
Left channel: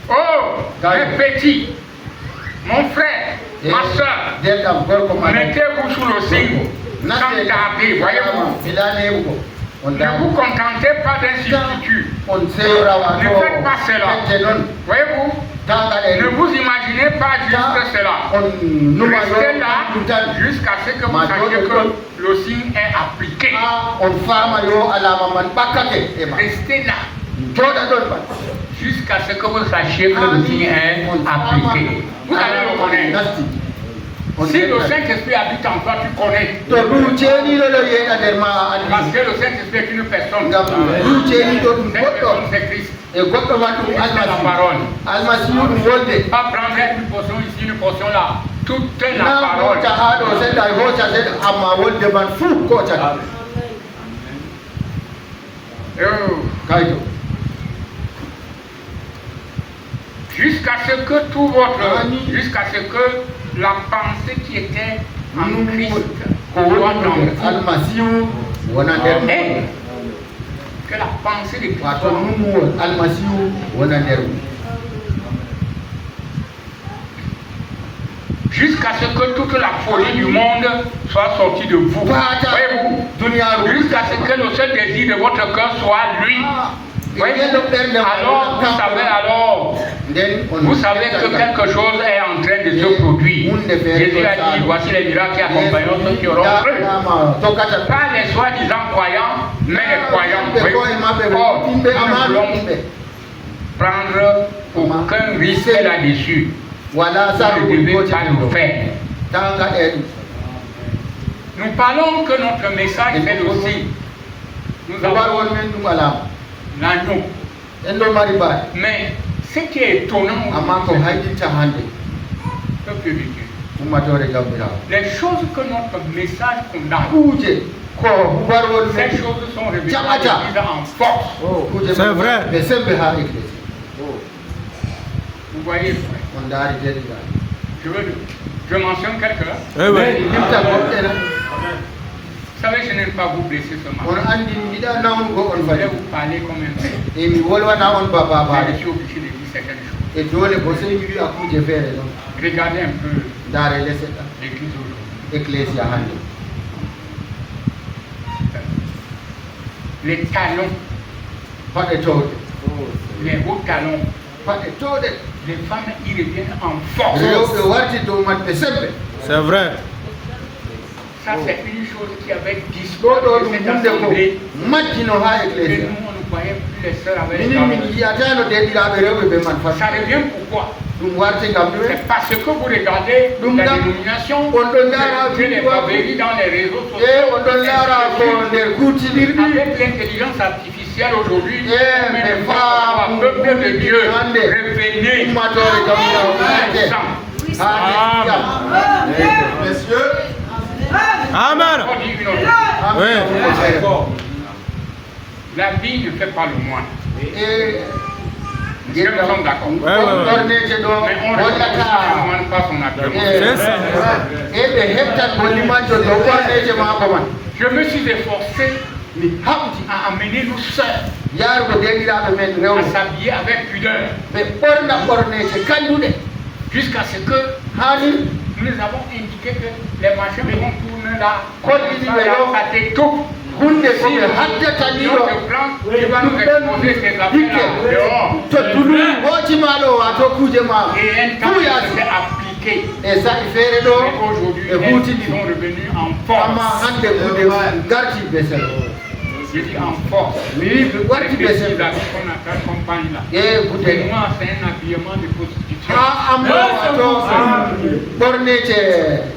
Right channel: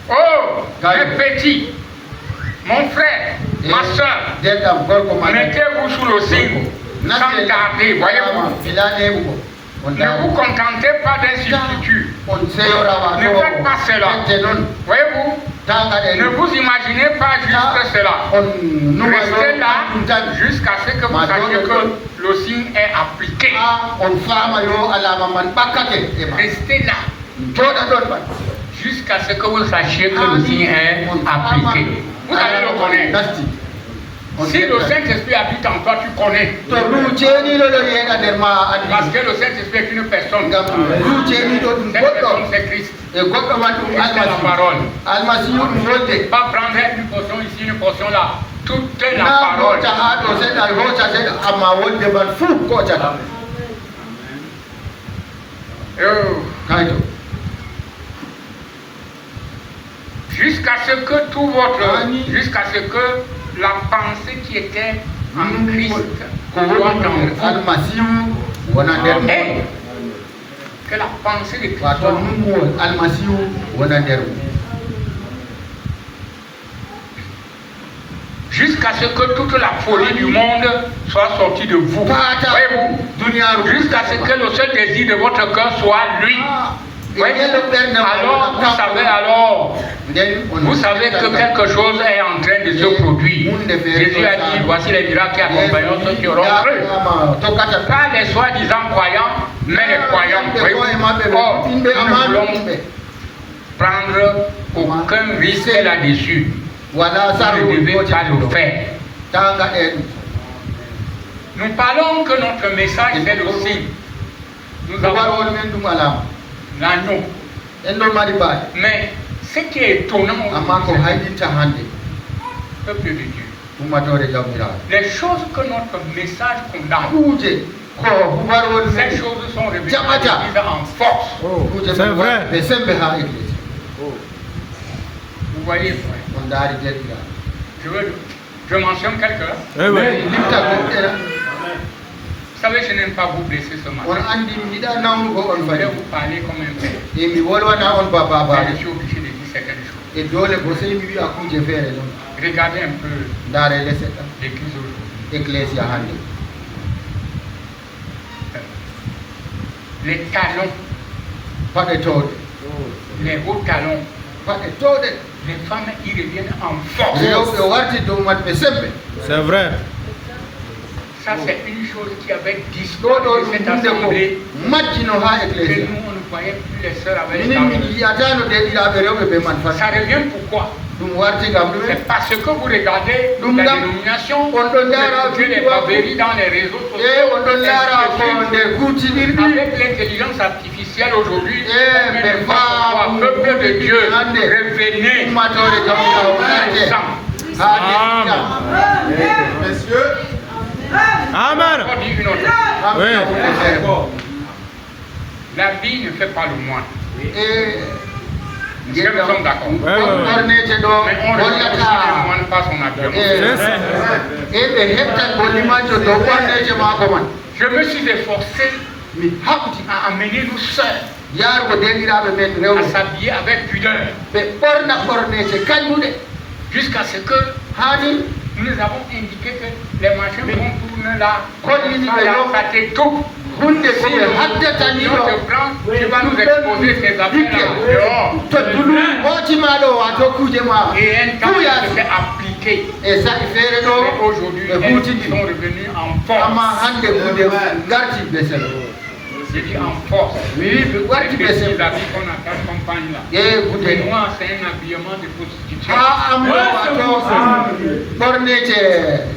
Oh, les petits, mon frère, ma soeur, mettez-vous sous le signe, sans tarder, voyez-vous. Ne vous contentez pas d'un substitut. Ne faites pas cela. Voyez-vous, ne vous imaginez pas juste cela. Restez là jusqu'à ce que vous sachiez que le signe est appliqué. Restez là jusqu'à ce que vous sachiez que le signe est appliqué. Vous allez le connaître. Si le Saint-Esprit habite en toi, tu connais. Parce que le Saint-Esprit est une personne. Cette personne, c'est Christ. C'est la parole. Pas prendre une portion ici, une portion là. Tout est la parole. Jusqu'à ce que tout votre... Jusqu'à ce que la pensée qui était en Christ soit en vous. Et que la pensée de Christ jusqu'à ce que toute la folie du monde soit sortie de vous. Voyez-vous? Jusqu'à ce que le seul désir de votre cœur soit lui. Alors, vous savez que quelque chose est en train de se produire. Jésus a dit, voici les miracles qui accompagneront ceux qui auront cru. Pas les soi-disant croyants, mais les croyants. Or, nous voulons prendre aucun risque là-dessus. Vous ne devez pas le faire. Nous parlons que notre message est le signe. Nous avons l'agneau. Mais Ce qui est étonnant, peuple de Dieu, les choses que notre message condamne, ces choses sont révélées en force. C'est vrai. Vous voyez, frère, je mentionne quelqu'un. Oui, oui. Vous savez, je n'aime pas vous blesser ce matin. Je vais vous parler comme un père. Mais je suis obligé de dire certaines choses. Regardez un peu l'église aujourd'hui. Les talons, les hauts talons, les femmes y reviennent en force. C'est vrai. Ça, c'est une chose qui avait disparu de cette assemblée. Que nous, on ne voyait plus les sœurs avec ça revient pourquoi? C'est parce que vous regardez la dénomination, vous regardez les pavéries dans les réseaux sociaux. Avec l'intelligence artificielle aujourd'hui, peuple de Dieu, revenez. Messieurs. Amen. Oui. La vie ne fait pas le moine. Nous sommes d'accord. Mais on ne demande pas son appel. Je me suis efforcé à amener nos sœurs à s'habiller avec pudeur. Jusqu'à ce que nous avons indiqué que les machins vont tourner là. Ça t'étouffe. Si notre plan, tu vas nous exposer ces affaires dehors. Et un temps qui s'est appliqué. Mais aujourd'hui, ils sont revenus en force. Je dis en force. Qu'on accompagne là. Et moi, c'est un habillement de prostitution.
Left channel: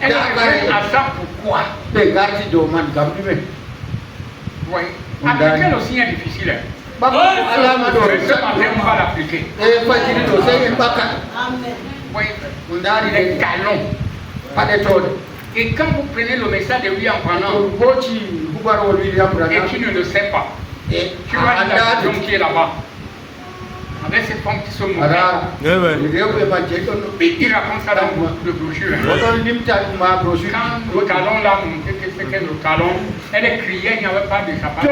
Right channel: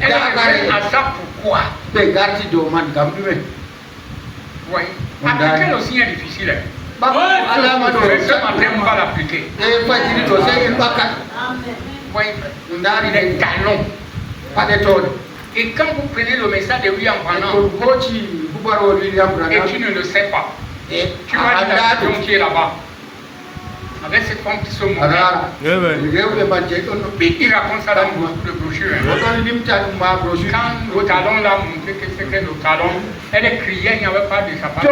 Elle a à ça pourquoi? Oui. Appliquer le signe est difficile. Mais ce matin, on va l'appliquer. Oui. Les talons. Et quand vous prenez le message de William Branham, et tu ne le sais pas, tu vois la situation qui est là-bas, avec cette femme qui se montre, et il raconte ça dans le brochure. Quand le talon l'a montré que c'était le talon, elle criait, il n'y avait pas de chapeau.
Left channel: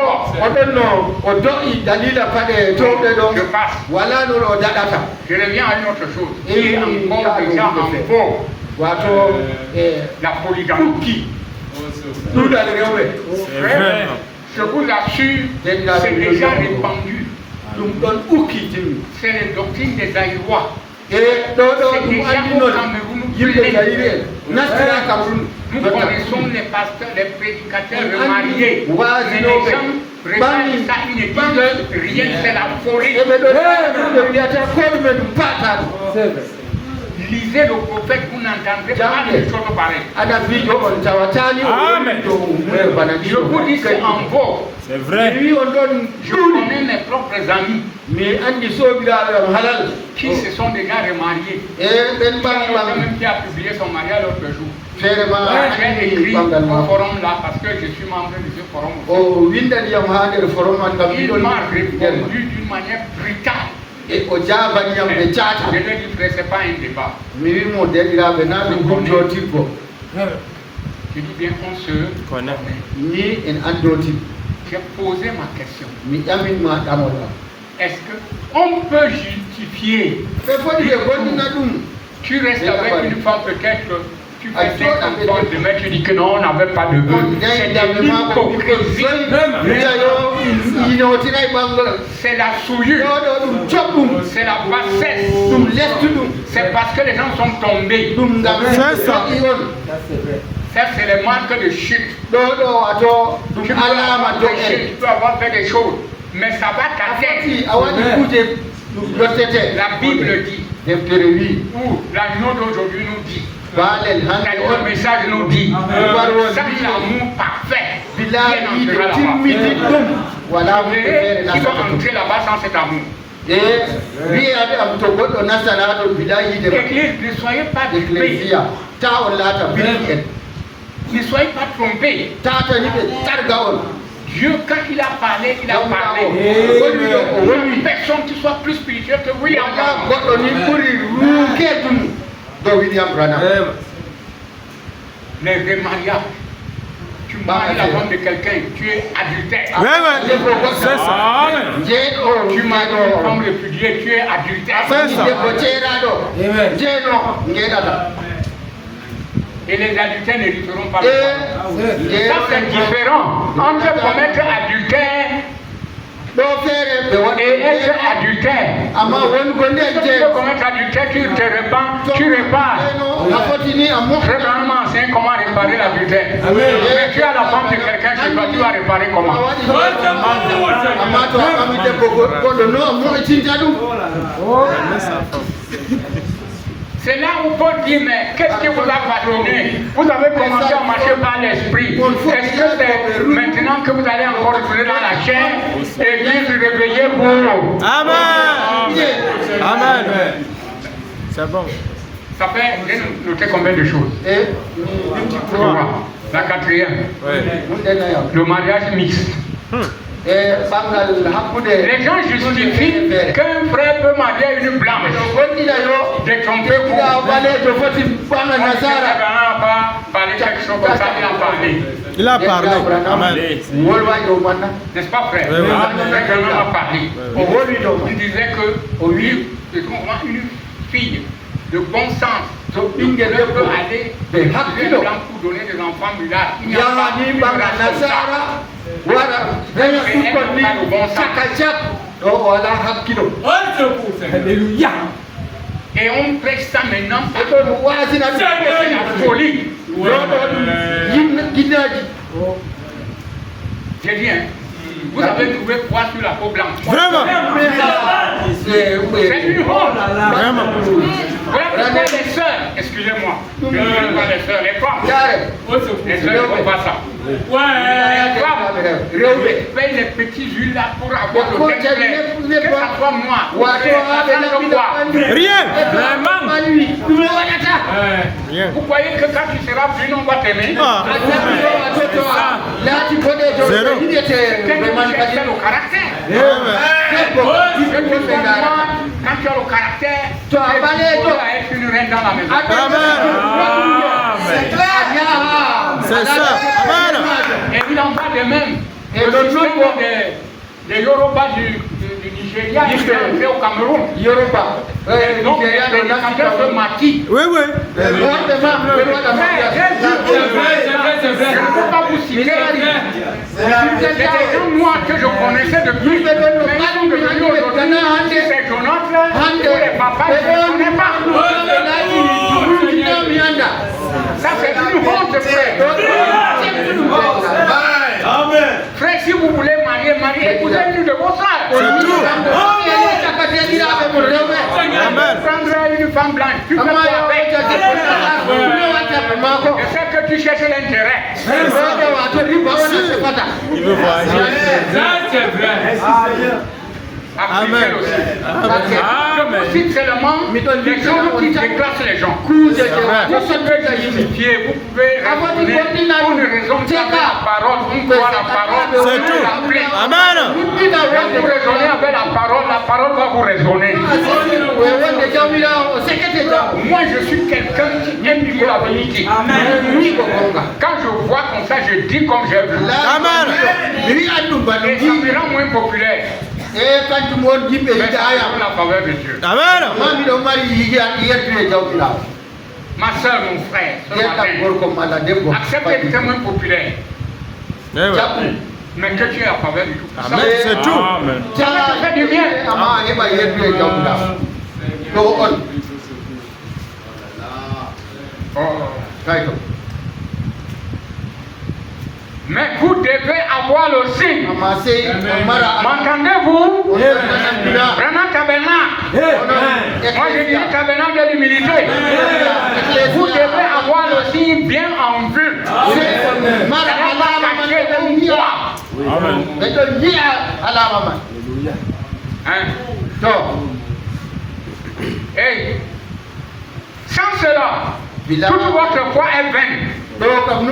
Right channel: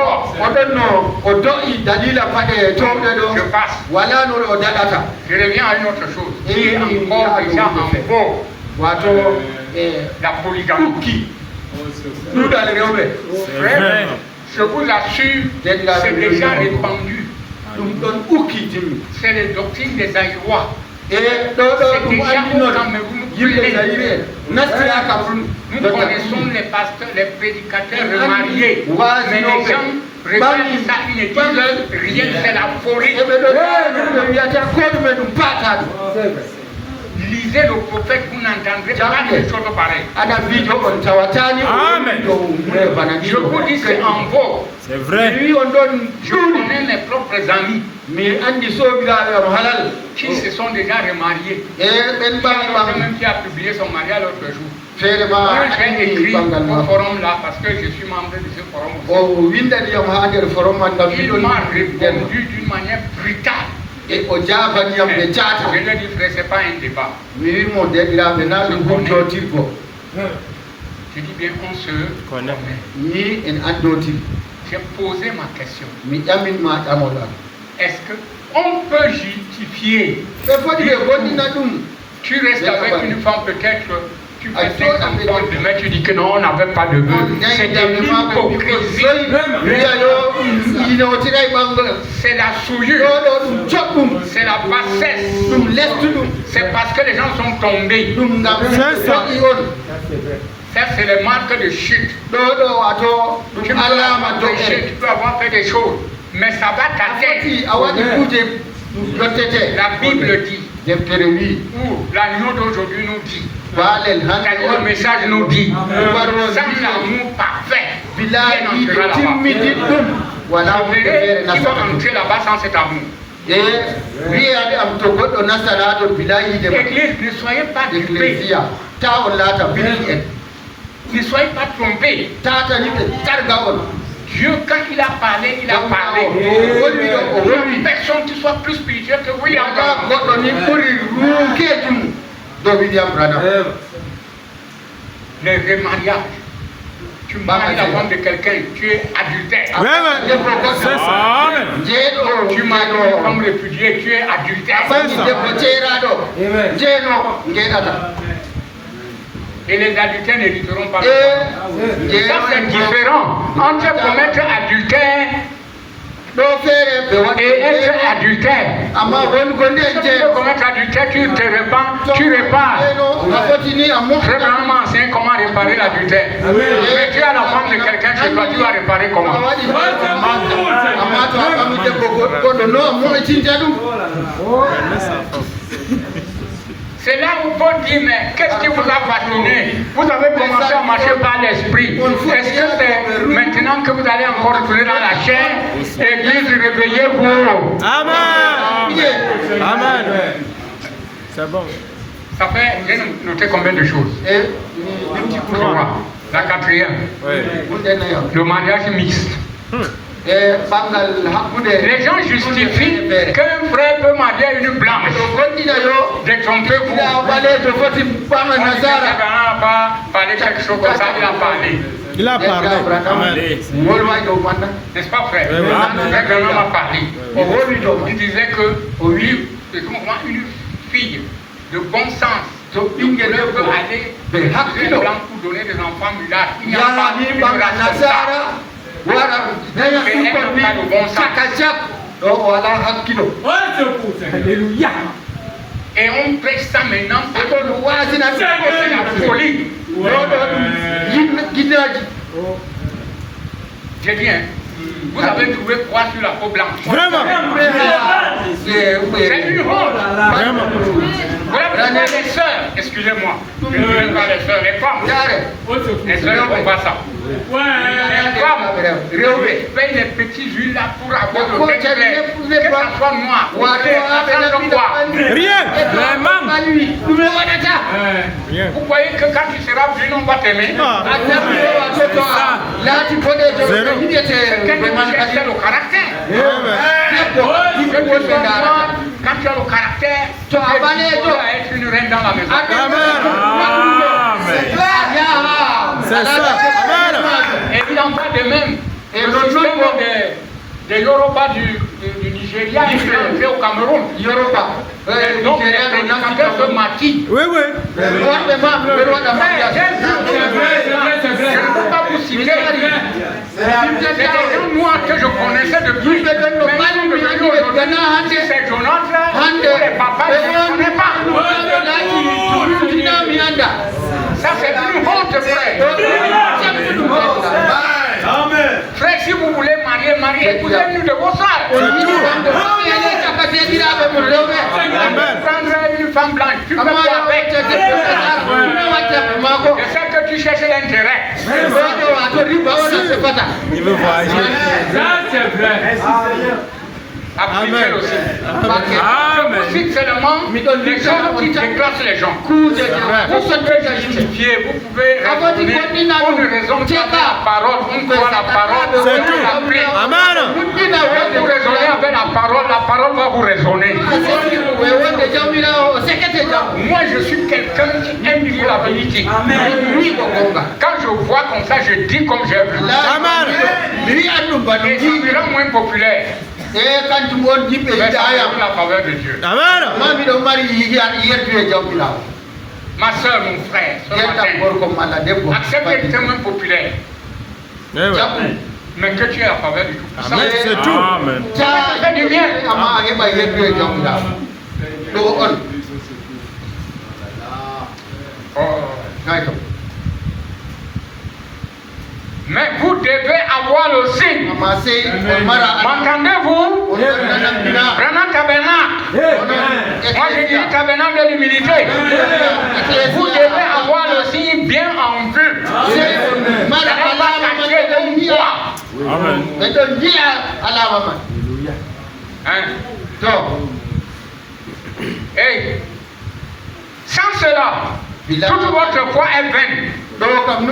Je passe. Je reviens à une autre chose. Qui est encore déjà en vogue. La polygamie. Je vous assure, c'est déjà répandu. C'est les doctrines des Aïrois. C'est déjà au Cameroun. Nous connaissons les pasteurs, les prédicateurs remariés. Mais les gens regardent ça, ils ne disent rien, c'est la folie. Lisez le prophète, vous n'entendrez pas quelque chose pareil. Je vous dis, c'est en vogue. C'est vrai. Je connais mes propres amis qui se sont déjà remariés. Même qui a publié son mariage l'autre jour. J'ai écrit au forum là parce que je suis membre de ce forum. Il m'a répondu d'une manière brutale. Je lui ai dit, frère, ce n'est pas un débat. Je dis bien qu'on se connaît. J'ai posé ma question. Est-ce qu'on peut justifier? Tu restes avec une femme peut-être, tu fais 50 ans de mais tu dis que non, on n'avait pas de vœux. C'est de l'hypocrisie. C'est la souillure. C'est la bassesse. C'est parce que les gens sont tombés. C'est ça. Ça, c'est les marques de chute. Tu peux avoir fait des choses, mais ça va t'atteindre. La Bible dit, ou l'agneau d'aujourd'hui nous dit, le message nous dit, sans l'amour parfait, qui va entrer là-bas sans cet amour? Église, ne soyez pas trompés. Ne soyez pas trompés. Dieu, quand il a parlé, il a parlé. Personne qui soit plus spirituel que William Branham. Les remariages. Tu maries la femme de quelqu'un, tu es adultère. C'est ça. Tu maries une femme répudiée, tu es adultère. Et les adultères n'hériteront pas. Ça, c'est différent entre commettre adultère et être adultère. Si tu veux commettre adultère, tu te répands, tu répares. Frère Branham enseigne comment réparer l'adultère. Mais tu as la femme de quelqu'un chez toi, tu vas réparer comment? C'est là où Paul dit, mais qu'est-ce qui vous a fasciné? Vous avez commencé à marcher par l'esprit. Est-ce que c'est maintenant que vous allez encore retourner dans la chair et Dieu se réveiller vous? Amen. Amen. C'est bon. Ça fait, j'ai noté combien de choses? La quatrième. Le mariage mixte. Les gens justifient qu'un frère peut marier une blanche. Détromper vous. Il n'a pas parlé quelque chose comme ça, il a parlé. Il a parlé. Amen. N'est-ce pas, frère? Frère Branham a parlé. Il disait que une fille de bon sens ne peut aller pour donner des enfants mulâtres. Il n'y a pas de et on prêche ça maintenant. C'est la folie. J'ai dit, hein, vous avez trouvé quoi sur la peau blanche? Vraiment. C'est une honte. Vraiment. Les sœurs, excusez-moi, je ne dis pas les sœurs, les femmes. Les sœurs ne font pas ça. Les femmes payent les petits huiles là pour avoir le teint clair. Que ça soit noir, Rien. Vous croyez que quand tu seras plus, on va t'aimer? Là, tu connais le caractère. Quand tu as le caractère, tu vas être une reine dans la maison. C'est ça. Amen. Et il en va de même. Et le nom des Yoruba du Nigeria, il est entré au Cameroun. Yoruba. Donc, les navigateurs de Mati. Oui. Je ne peux pas vous citer. C'est des gens noirs que je connaissais depuis. Mais ces journaux-là, les papas, je ne connais pas. Ça, c'est une honte, frère. Frère, si vous voulez marier, écoutez-nous de vos sœurs. C'est tout. Prendre une femme blanche, tu peux pas avec. Je sais que tu cherches l'intérêt. Il veut voyager. Ça, c'est vrai. Amen. Je cite seulement les gens qui déclassent les gens. Vous pouvez justifier, vous pouvez raisonner pour une raison qui a la parole, on croit la parole. C'est tout. Amen. Vous raisonnez avec la parole va vous raisonner. Moi, je suis quelqu'un qui aime dire la vérité. Quand je vois comme ça, je dis comme je veux. Amen. Et ça me rend moins populaire. Mais ça la faveur de Dieu. Amen. Ma soeur, mon frère, accepte d'être moins populaire. Mais que tu es la faveur du tout. Amen. C'est tout. Amen. Ça fait du bien. Mais vous devez avoir le signe. M'entendez-vous? Prenez tabernacle. Moi je dis tabernacle de l'humilité. Vous devez avoir le signe bien en vue. Hey, sans cela, toute votre foi est vaine. Voyez-vous,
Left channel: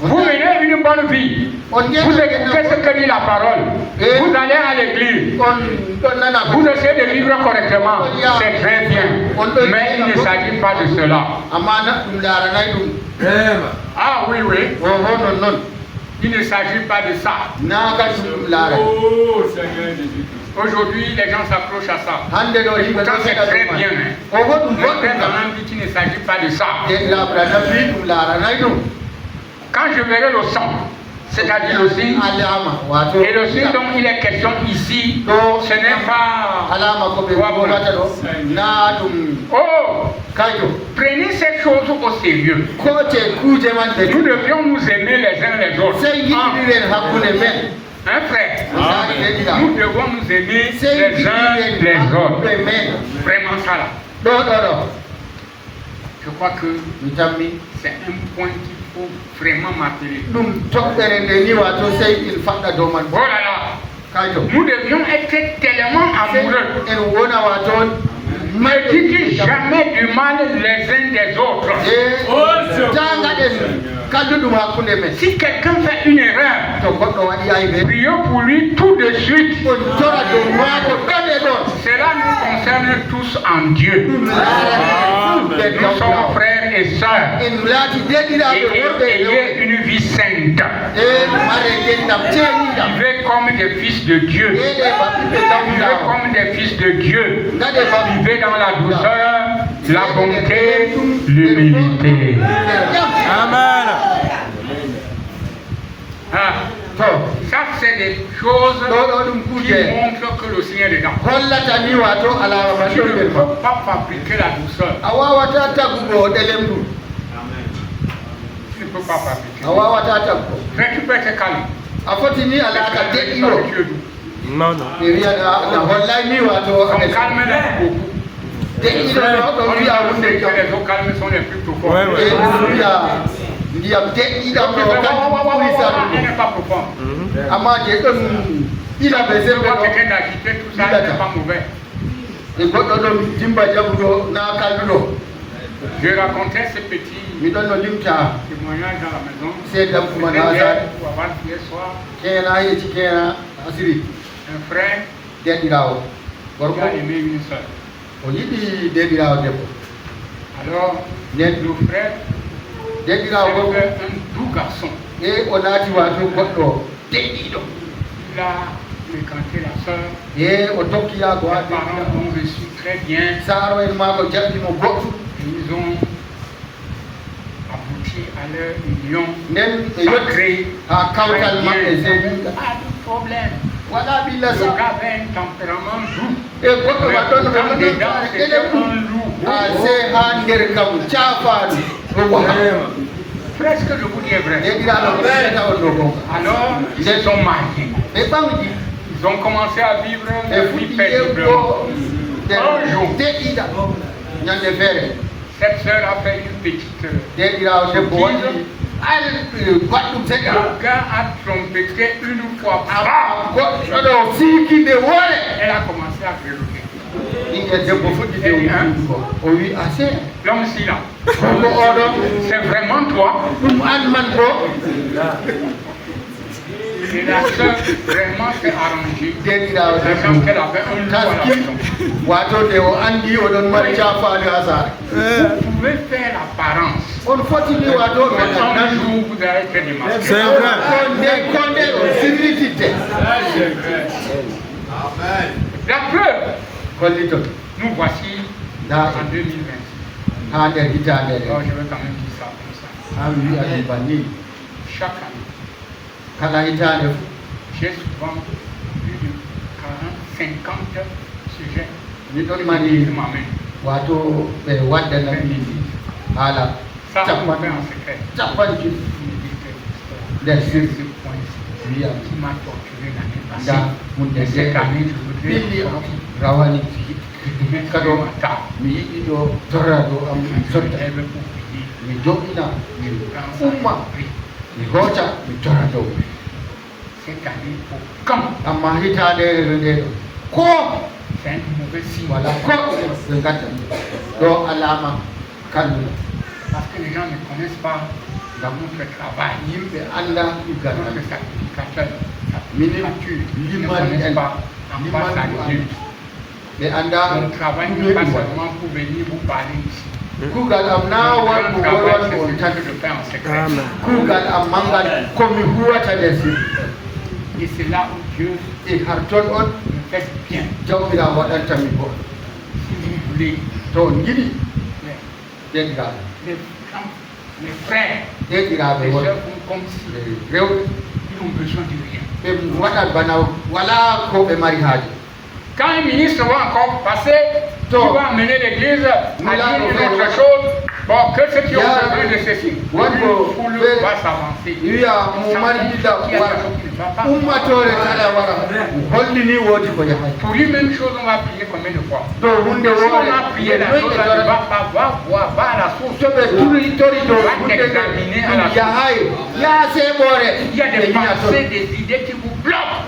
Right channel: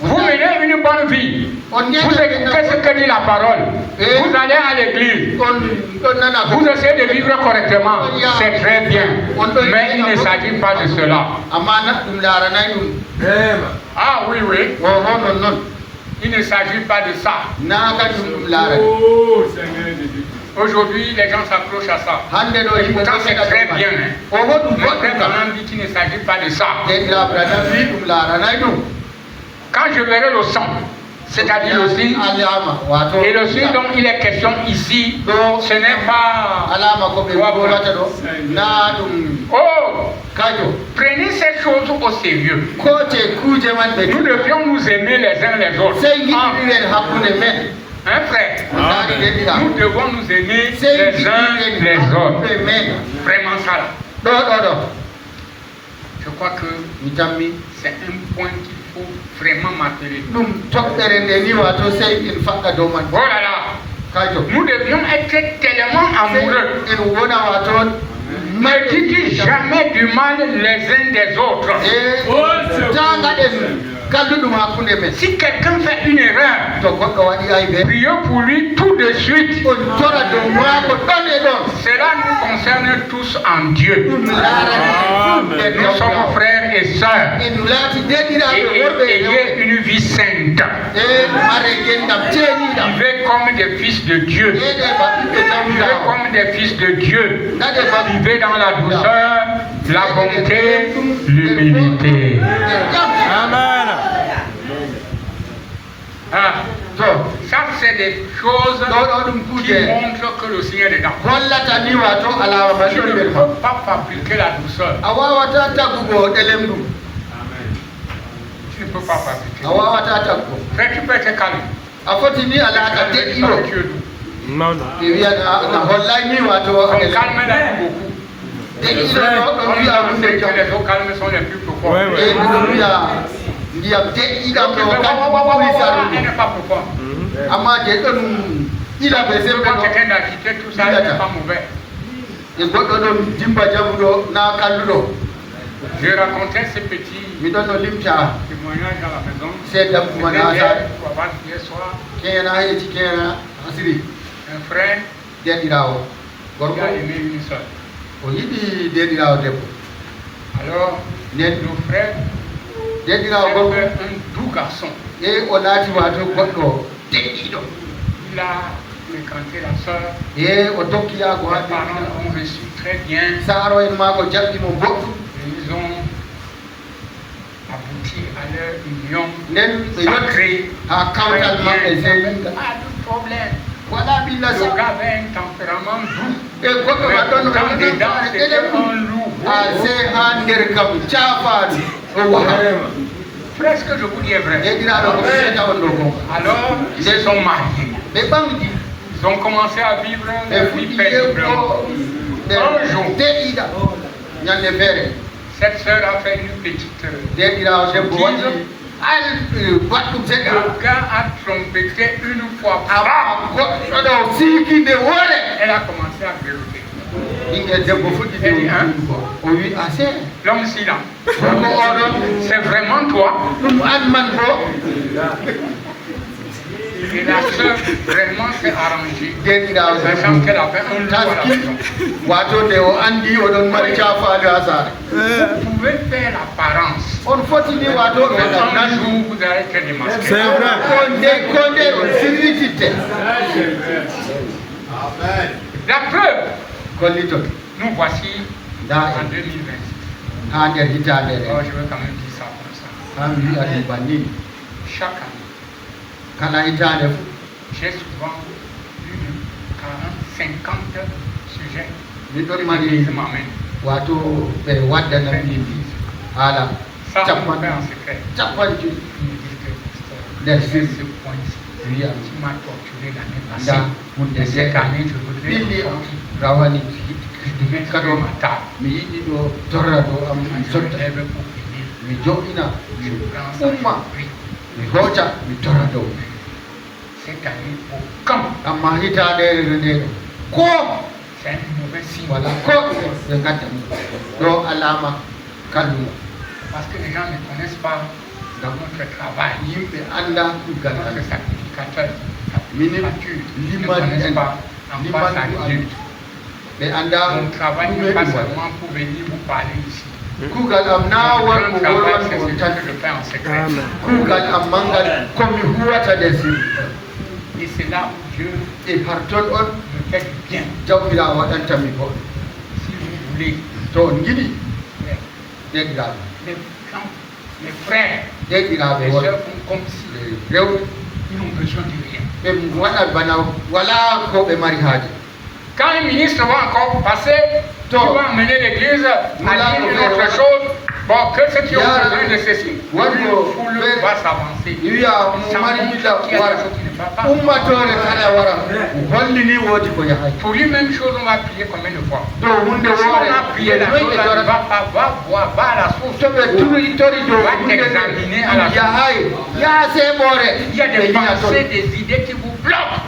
vous menez une bonne vie. Vous écoutez ce que dit la parole. Vous allez à l'église. Vous essayez de vivre correctement. C'est très bien. Mais il ne s'agit pas de cela. Ah oui, oui. Il ne s'agit pas de ça. Aujourd'hui, les gens s'approchent à ça. Pourtant, c'est très bien. Mon père m'a dit qu'il ne s'agit pas de ça. Quand je verrai le sang, c'est-à-dire le signe, et le signe dont il est question ici, ce n'est pas... Oh, prenez ces choses au sérieux. Nous devions nous aimer les uns les autres. Hein, frère? Nous devons nous aimer les uns les autres. Vraiment ça là. Je crois que c'est un point qu'il faut vraiment marteler. Oh là là. Nous devions être tellement amoureux. Ne dites jamais du mal les uns des autres. Si quelqu'un fait une erreur, priez pour lui tout de suite. Cela nous concerne tous en Dieu. Nous sommes frères et sœurs. Et ayez une vie sainte. Vivez comme des fils de Dieu. Vivez comme des fils de Dieu. Vivez dans la douceur, la bonté, l'humilité. Amen. Ah, ça c'est des choses qui montrent que le Seigneur est d'accord. Tu ne peux pas fabriquer la douceur. Tu ne peux pas fabriquer. Frère, tu peux être calme. Non, non. On calme là beaucoup. Les eaux calmes sont les plus profondes. Ouais, ouais. Elle n'est pas profonde. Il a besoin de quelqu'un d'agiter tout ça, il n'est pas mauvais. Je racontais ce petit témoignage dans la maison. C'était hier soir. Un frère qui a aimé une soeur. Alors, le frère, c'est un doux garçon. Il a fréquenté la soeur. Les parents ont reçu très bien. Et ils ont abouti à leur union sacrée. Très bien. Pas de problème. Le gars avait un tempérament doux. Mais dans dedans, c'était un loup. Frère, ce que je vous dis est vrai. Alors, ils se sont mariés. Ils ont commencé à vivre leur vie paisiblement. Un jour, cette sœur a fait une petite sottise. Le gars a trompé une fois. Elle a commencé à grelotter. L'homme si là. C'est vraiment toi. Et la soeur vraiment s'est arrangée. Sachant qu'elle avait un loup. Vous pouvez faire l'apparence. Un jour, vous allez être démasqué. C'est vrai. La preuve, nous voici en 2026. Oh, je veux quand même dire ça comme ça. Chaque année, j'ai souvent plus de 40, 50 sujets qui m'amènent. Ça, on va faire en secret. Il me dit que c'est ce point-ci qui m'a torturé l'année passée. Et cette année, je voudrais sortir. Cette année, pour quand c'est un mauvais signe. Voilà, donc alama kalmu. Parce que les gens ne connaissent pas dans notre travail. Yimbe anda kugata. Notre sacrificateur. Mini mais anda mon travail n'est pas seulement pour venir vous parler ici. Kugal amna war ko war ko tan Kugal amangal komi huwata desi. Et c'est là où Dieu et harton on me fait bien. Jawbira wadanta mi bo. Si vous voulez. To ngidi. Degra. Les frères, les sœurs font comme si ils n'ont besoin de rien. Quand un ministre va encore passer, il va amener l'église à dire une autre chose. Bon, que ce qui est besoin de ceci, le foule va s'avancer. Pour lui, même chose, on a prié combien de fois? Si on a prié la chose, on va à la source. On va examiner à la source. Il y a des pensées, des idées qui vous bloquent.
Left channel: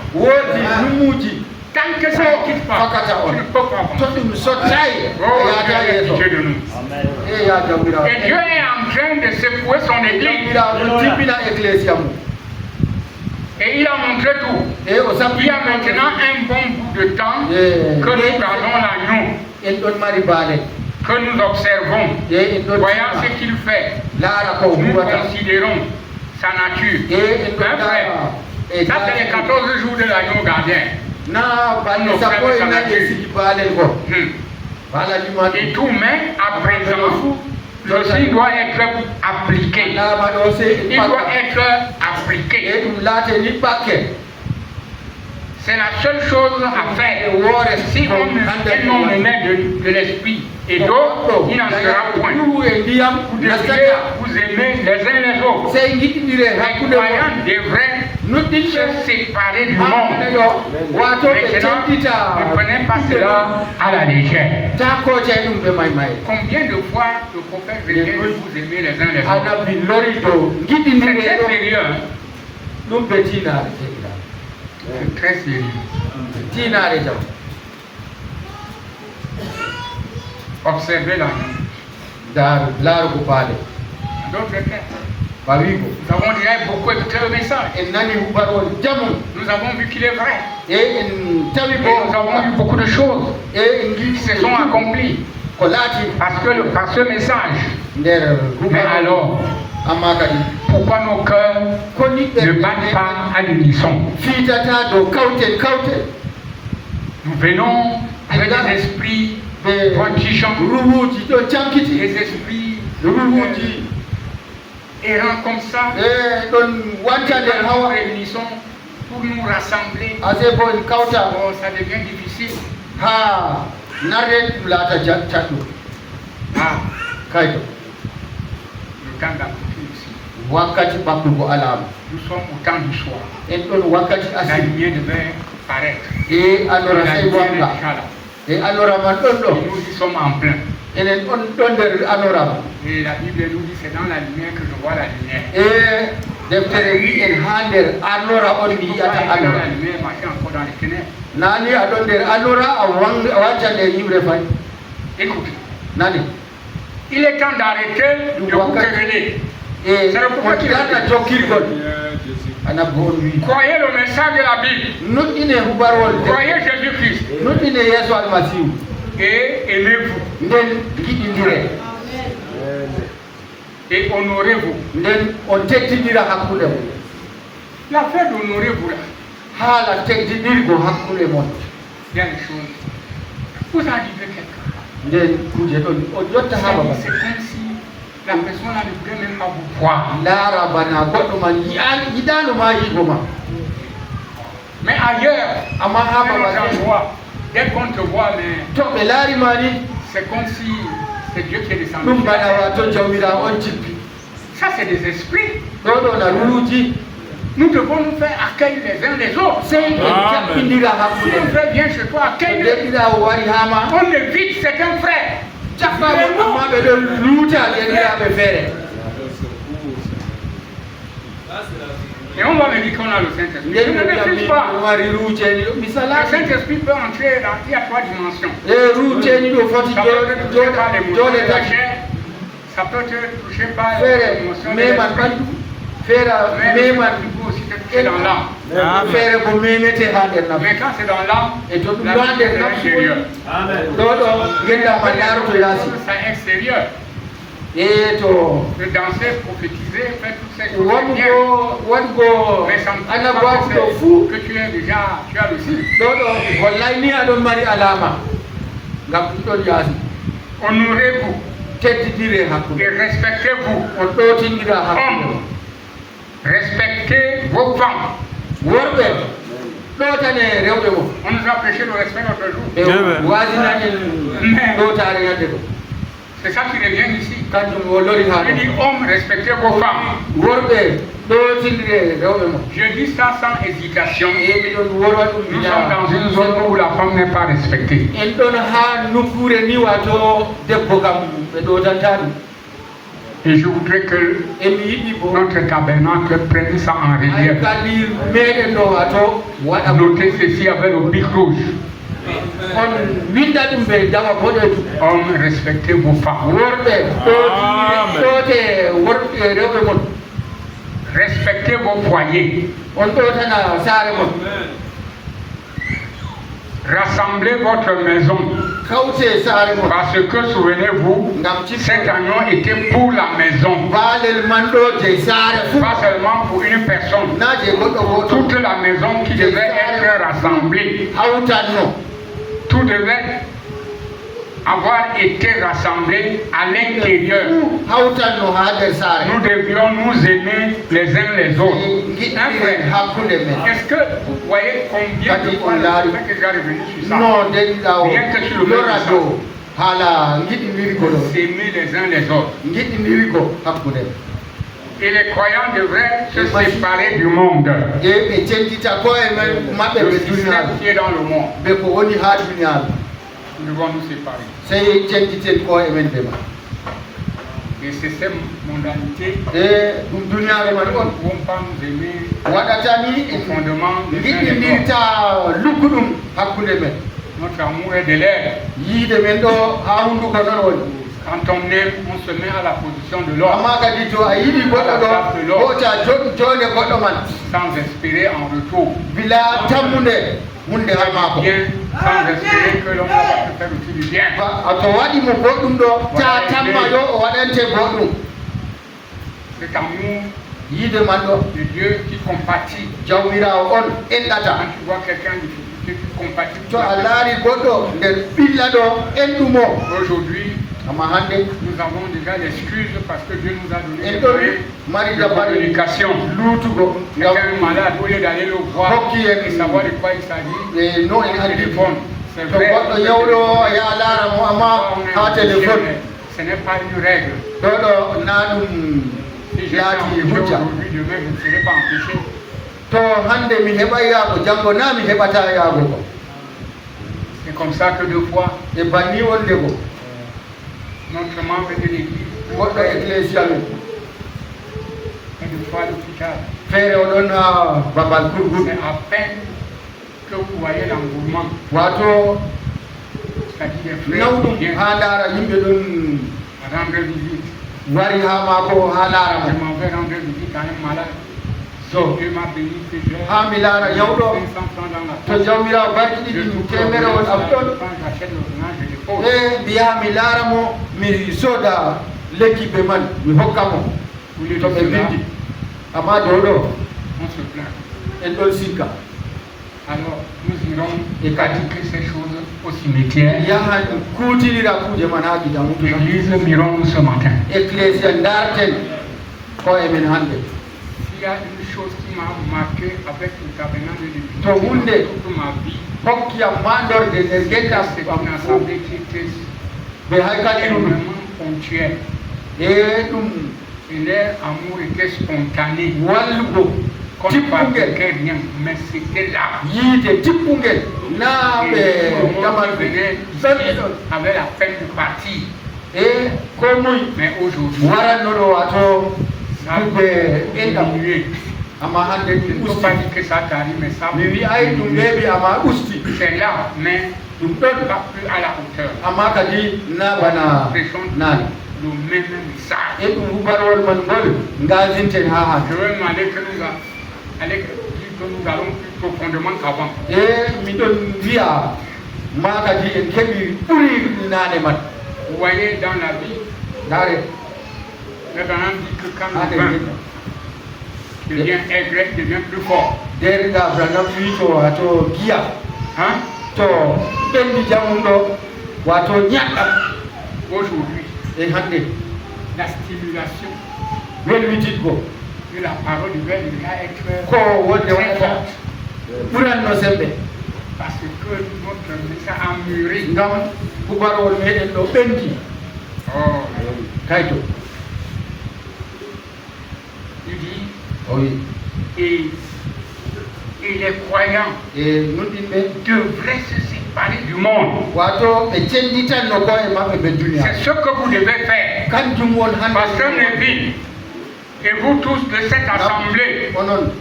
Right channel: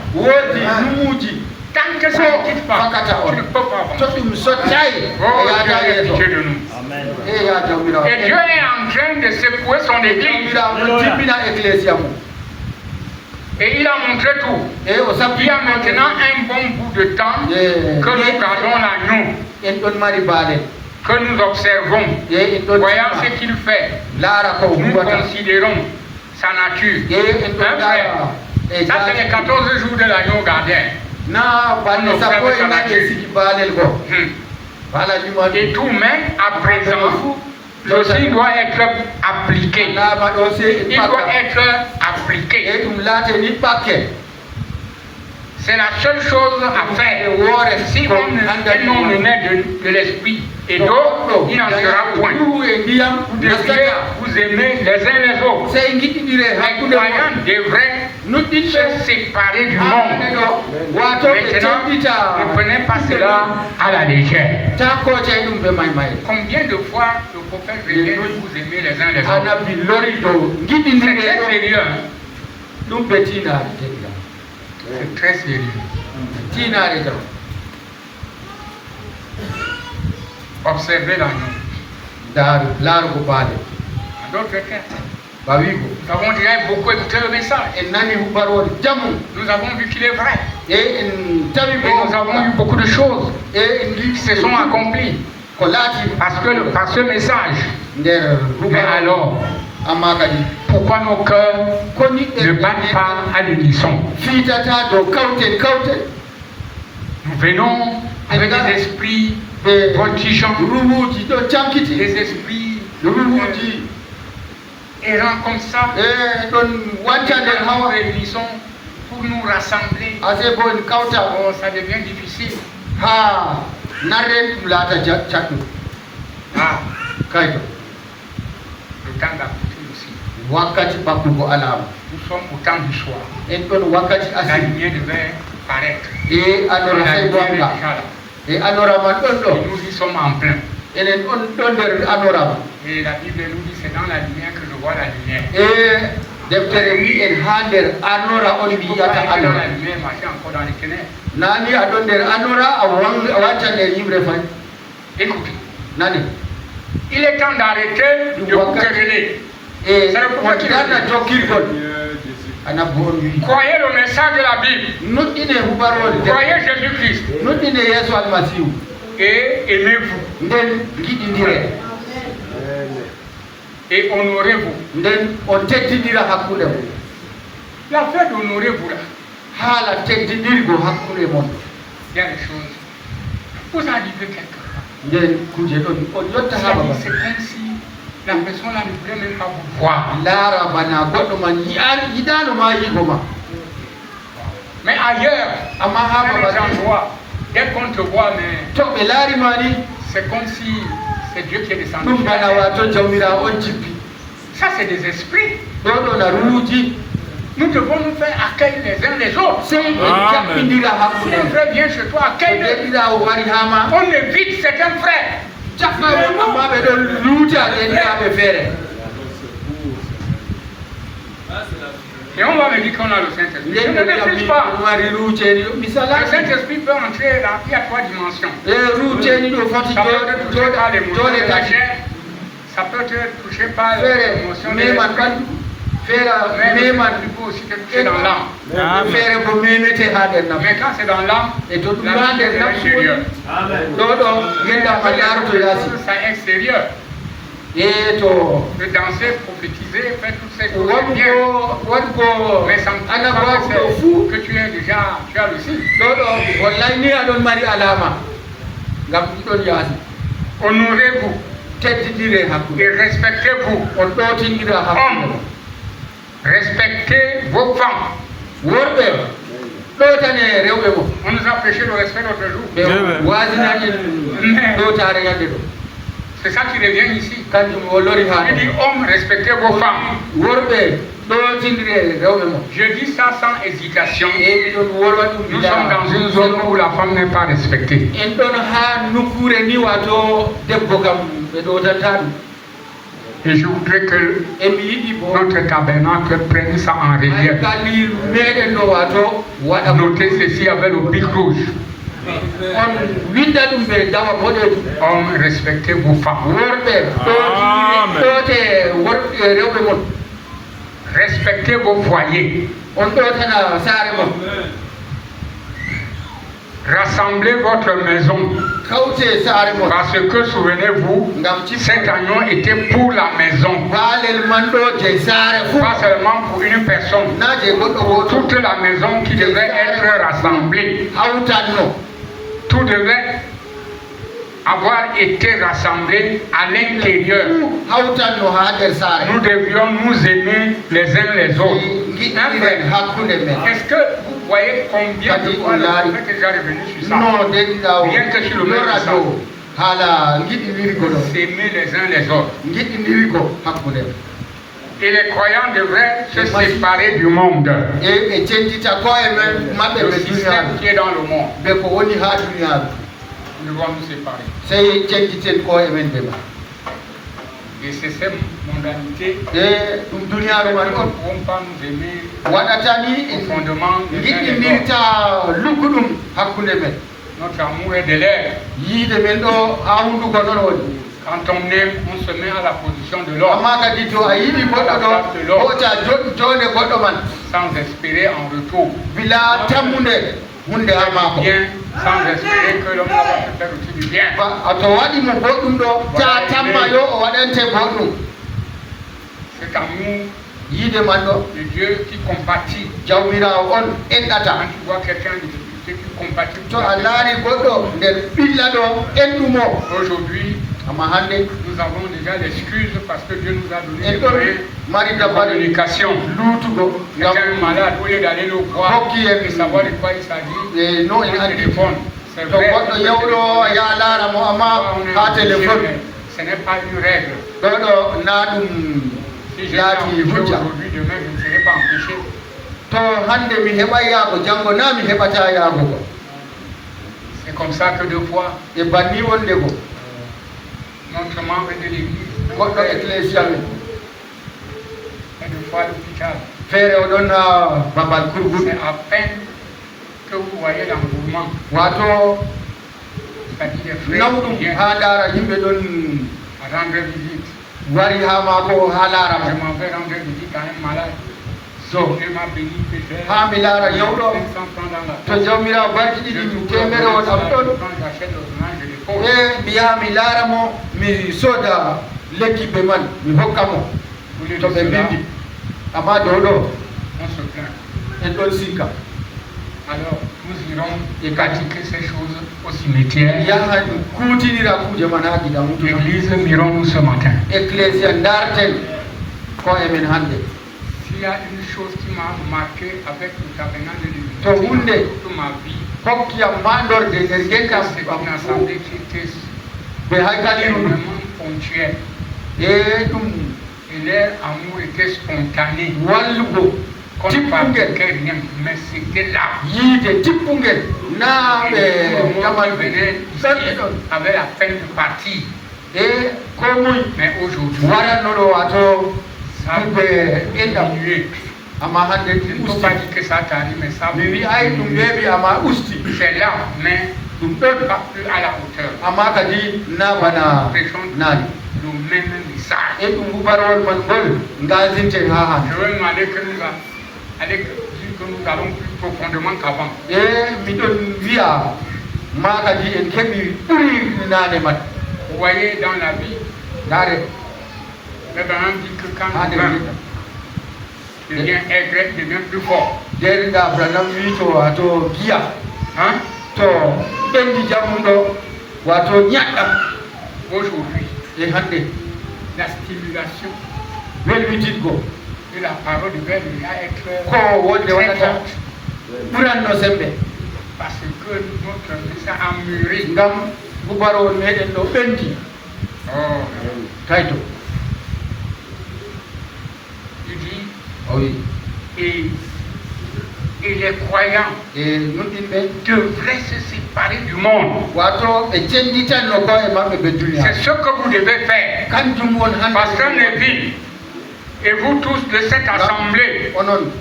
Tant que ça ne quitte pas, tu ne peux pas avancer. Et Dieu est en train de secouer son église. Et il a montré tout. Il y a maintenant un bon bout de temps que nous gardons l'agneau, que nous observons. Voyons ce qu'il fait. Nous considérons sa nature. Ça, c'est les 14 jours de l'agneau gardien. Et tout, mais à présent, ceci doit être appliqué. Il doit être appliqué. C'est la seule chose à faire. Si on ne met de l'esprit et d'eau, il n'en sera point. Vous aimez les uns les autres. Les croyants devraient se séparer du monde. Maintenant, ne prenez pas cela à la légère. Combien de fois le prophète vient de vous aimer les uns les autres? C'est très sérieux. C'est très sérieux. Observez la vie. D'autres textes. Nous avons déjà beaucoup écouté le message. Nous avons vu qu'il est vrai. Et nous avons vu beaucoup de choses qui se sont accomplies par ce message. Mais alors, pourquoi nos cœurs ne battent pas à l'unisson? Nous venons avec des esprits voltigeants, des esprits errants comme ça. Nous réunissons pour nous rassembler. Ça devient difficile. Le temps d'appliquer aussi. Nous sommes au temps du soir. La lumière devait paraître. Et nous y sommes en plein. Et la Bible nous dit c'est dans la lumière que je vois la lumière. Dans la lumière, marcher encore dans les ténèbres. Écoutez. Il est temps d'arrêter de vous quereller. C'est le pourquoi qu'il croyez le message de la Bible. Croyez Jésus-Christ. Et aimez-vous. Et honorez-vous. La fait d'honorer-vous là. Il y a des choses. Vous arrivez quelqu'un. C'est comme si la personne là ne voulait même pas vous voir. Mais ailleurs, dès qu'on te voit, c'est comme si c'est Dieu qui est descendu. Ça, c'est des esprits. Nous devons nous faire accueil les uns les autres. Si un frère vient chez toi, accueille-le. On évite certains frères. Et on va me dire qu'on a le Saint-Esprit. Je ne refuse pas. Le Saint-Esprit peut entrer dans, il y a 3 dimensions. Ça peut être touché par l'émotion de l'esprit. Mais il peut aussi être touché dans l'âme. Mais quand c'est dans l'âme, la vie est intérieure. Ça est extérieur. De danser, prophétiser, faire toutes ces choses. Mais ça me que tu es déjà, tu as le signe. Honorez-vous et respectez-vous. Hommes, respectez vos femmes. On nous a prêché le respect l'autre jour. Mais c'est ça qui revient ici. Il dit hommes, respectez vos femmes. Je dis ça sans hésitation. Nous sommes dans une zone où la femme n'est pas respectée. Et je voudrais que notre tabernacle prenne ça en relief. Notez ceci avec le pic rouge. Hommes, respectez vos femmes. Respectez vos foyers. Rassemblez votre maison. Parce que, souvenez-vous, cet agneau était pour la maison. Pas seulement pour une personne. Toute la maison qui devait être rassemblée. Tout devait avoir été rassemblé à l'intérieur. Nous devions nous aimer les uns les autres. Est-ce que vous voyez combien de fois que j'ai revenu sur ça? Bien que sur le même s'aimer les uns les autres. Et les croyants devraient se séparer du monde. Le système qui est dans le monde. Nous devons nous séparer. Et c'est cette mondanité qui ne pouvons pas nous aimer profondément les uns les autres. Notre amour est de l'air. Quand on aime, on se met à la position de l'homme. Sans espérer en retour. Bien, sans espérer que l'on va faire du bien. C'est amour de Dieu qui compatit. Quand tu vois quelqu'un de difficulté, tu compatis. Aujourd'hui, nous avons déjà l'excuse parce que Dieu nous a donné les moyens de communication. Quelqu'un est malade, au lieu d'aller le voir et savoir de quoi il s'agit, il a le téléphone. C'est vrai, ce n'est pas une règle. Si j'ai aujourd'hui, demain, je ne serai pas empêché. C'est comme ça que deux fois, notre membre de l'église et deux fois l'hôpital. C'est à peine que vous voyez l'engouement. C'est-à-dire des frères qui viennent rendre visite. Je m'en vais rendre visite à un malade. Dieu m'a béni que j'ai 500 francs dans la poche. Quand j'achète l'ordonnance, je les pose. On se plaint. Alors, nous irons pratiquer ces choses au cimetière. L'église mirons ce matin. Il y a une chose qui m'a marqué avec le tabernacle de l'Église toute ma vie. C'est une assemblée qui était extrêmement ponctuelle. Et leur amour était spontané. Comme rien, mais c'était là. Avec la peine de partir. Mais aujourd'hui, ça a diminué. ama hande ɗum usti que ça t'arrive mais ça mi wi ay ɗum weeɓi ama usti c'est là mais ɗum ɗon pas plus à la hauteur ama kadi na bana nani ɗum même message e ɗum hubarol man ngol ngasinten ha han je veux demander que nous allez que nous allons plus profondément qu'avant e miɗon wiya ma kadi en keɓi ɓuri nane man vous voyez dans la vie nare mais Branham dit que quand devient aigre, devient plus fort. Derrière Branham wi to wato giya, to bendi jamundo wato ñaɗɗam. Aujourd'hui, et hande la stimulation welwititgo de la parole de Dieu doit être ko wonde waɗata ɓuranno sembe parce que notre message a mûri ngam bubarol meɗen ɗo ɓendi kayto. Il dit, oui. Et les croyants devraient se séparer du monde. C'est ce que vous devez faire. Pasteur Neville, et vous tous de cette assemblée,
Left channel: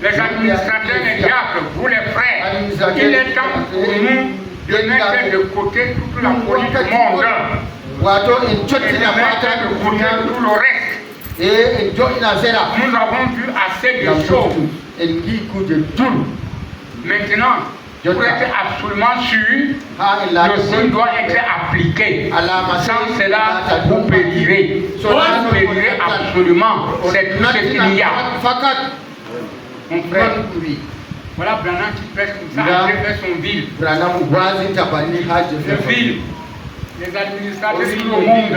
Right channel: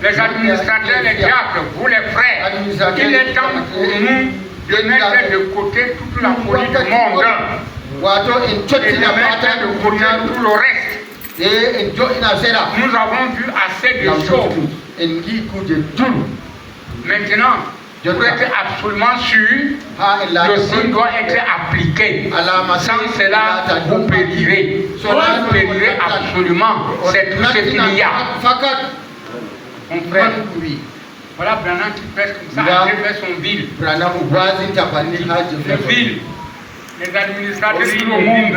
les administrateurs, les diacres, vous les frères, il est temps pour nous de mettre de côté toute la politique du monde et de mettre de côté tout le reste. Nous avons vu assez de choses. Maintenant, je dois être absolument sûr que ce doit être appliqué. Sans cela, vous périrez. Vous périrez absolument. C'est tout ce qu'il y a. Mon frère, voilà Branham qui prêche comme ça, il fait son ville. Le ville, les administrateurs du monde.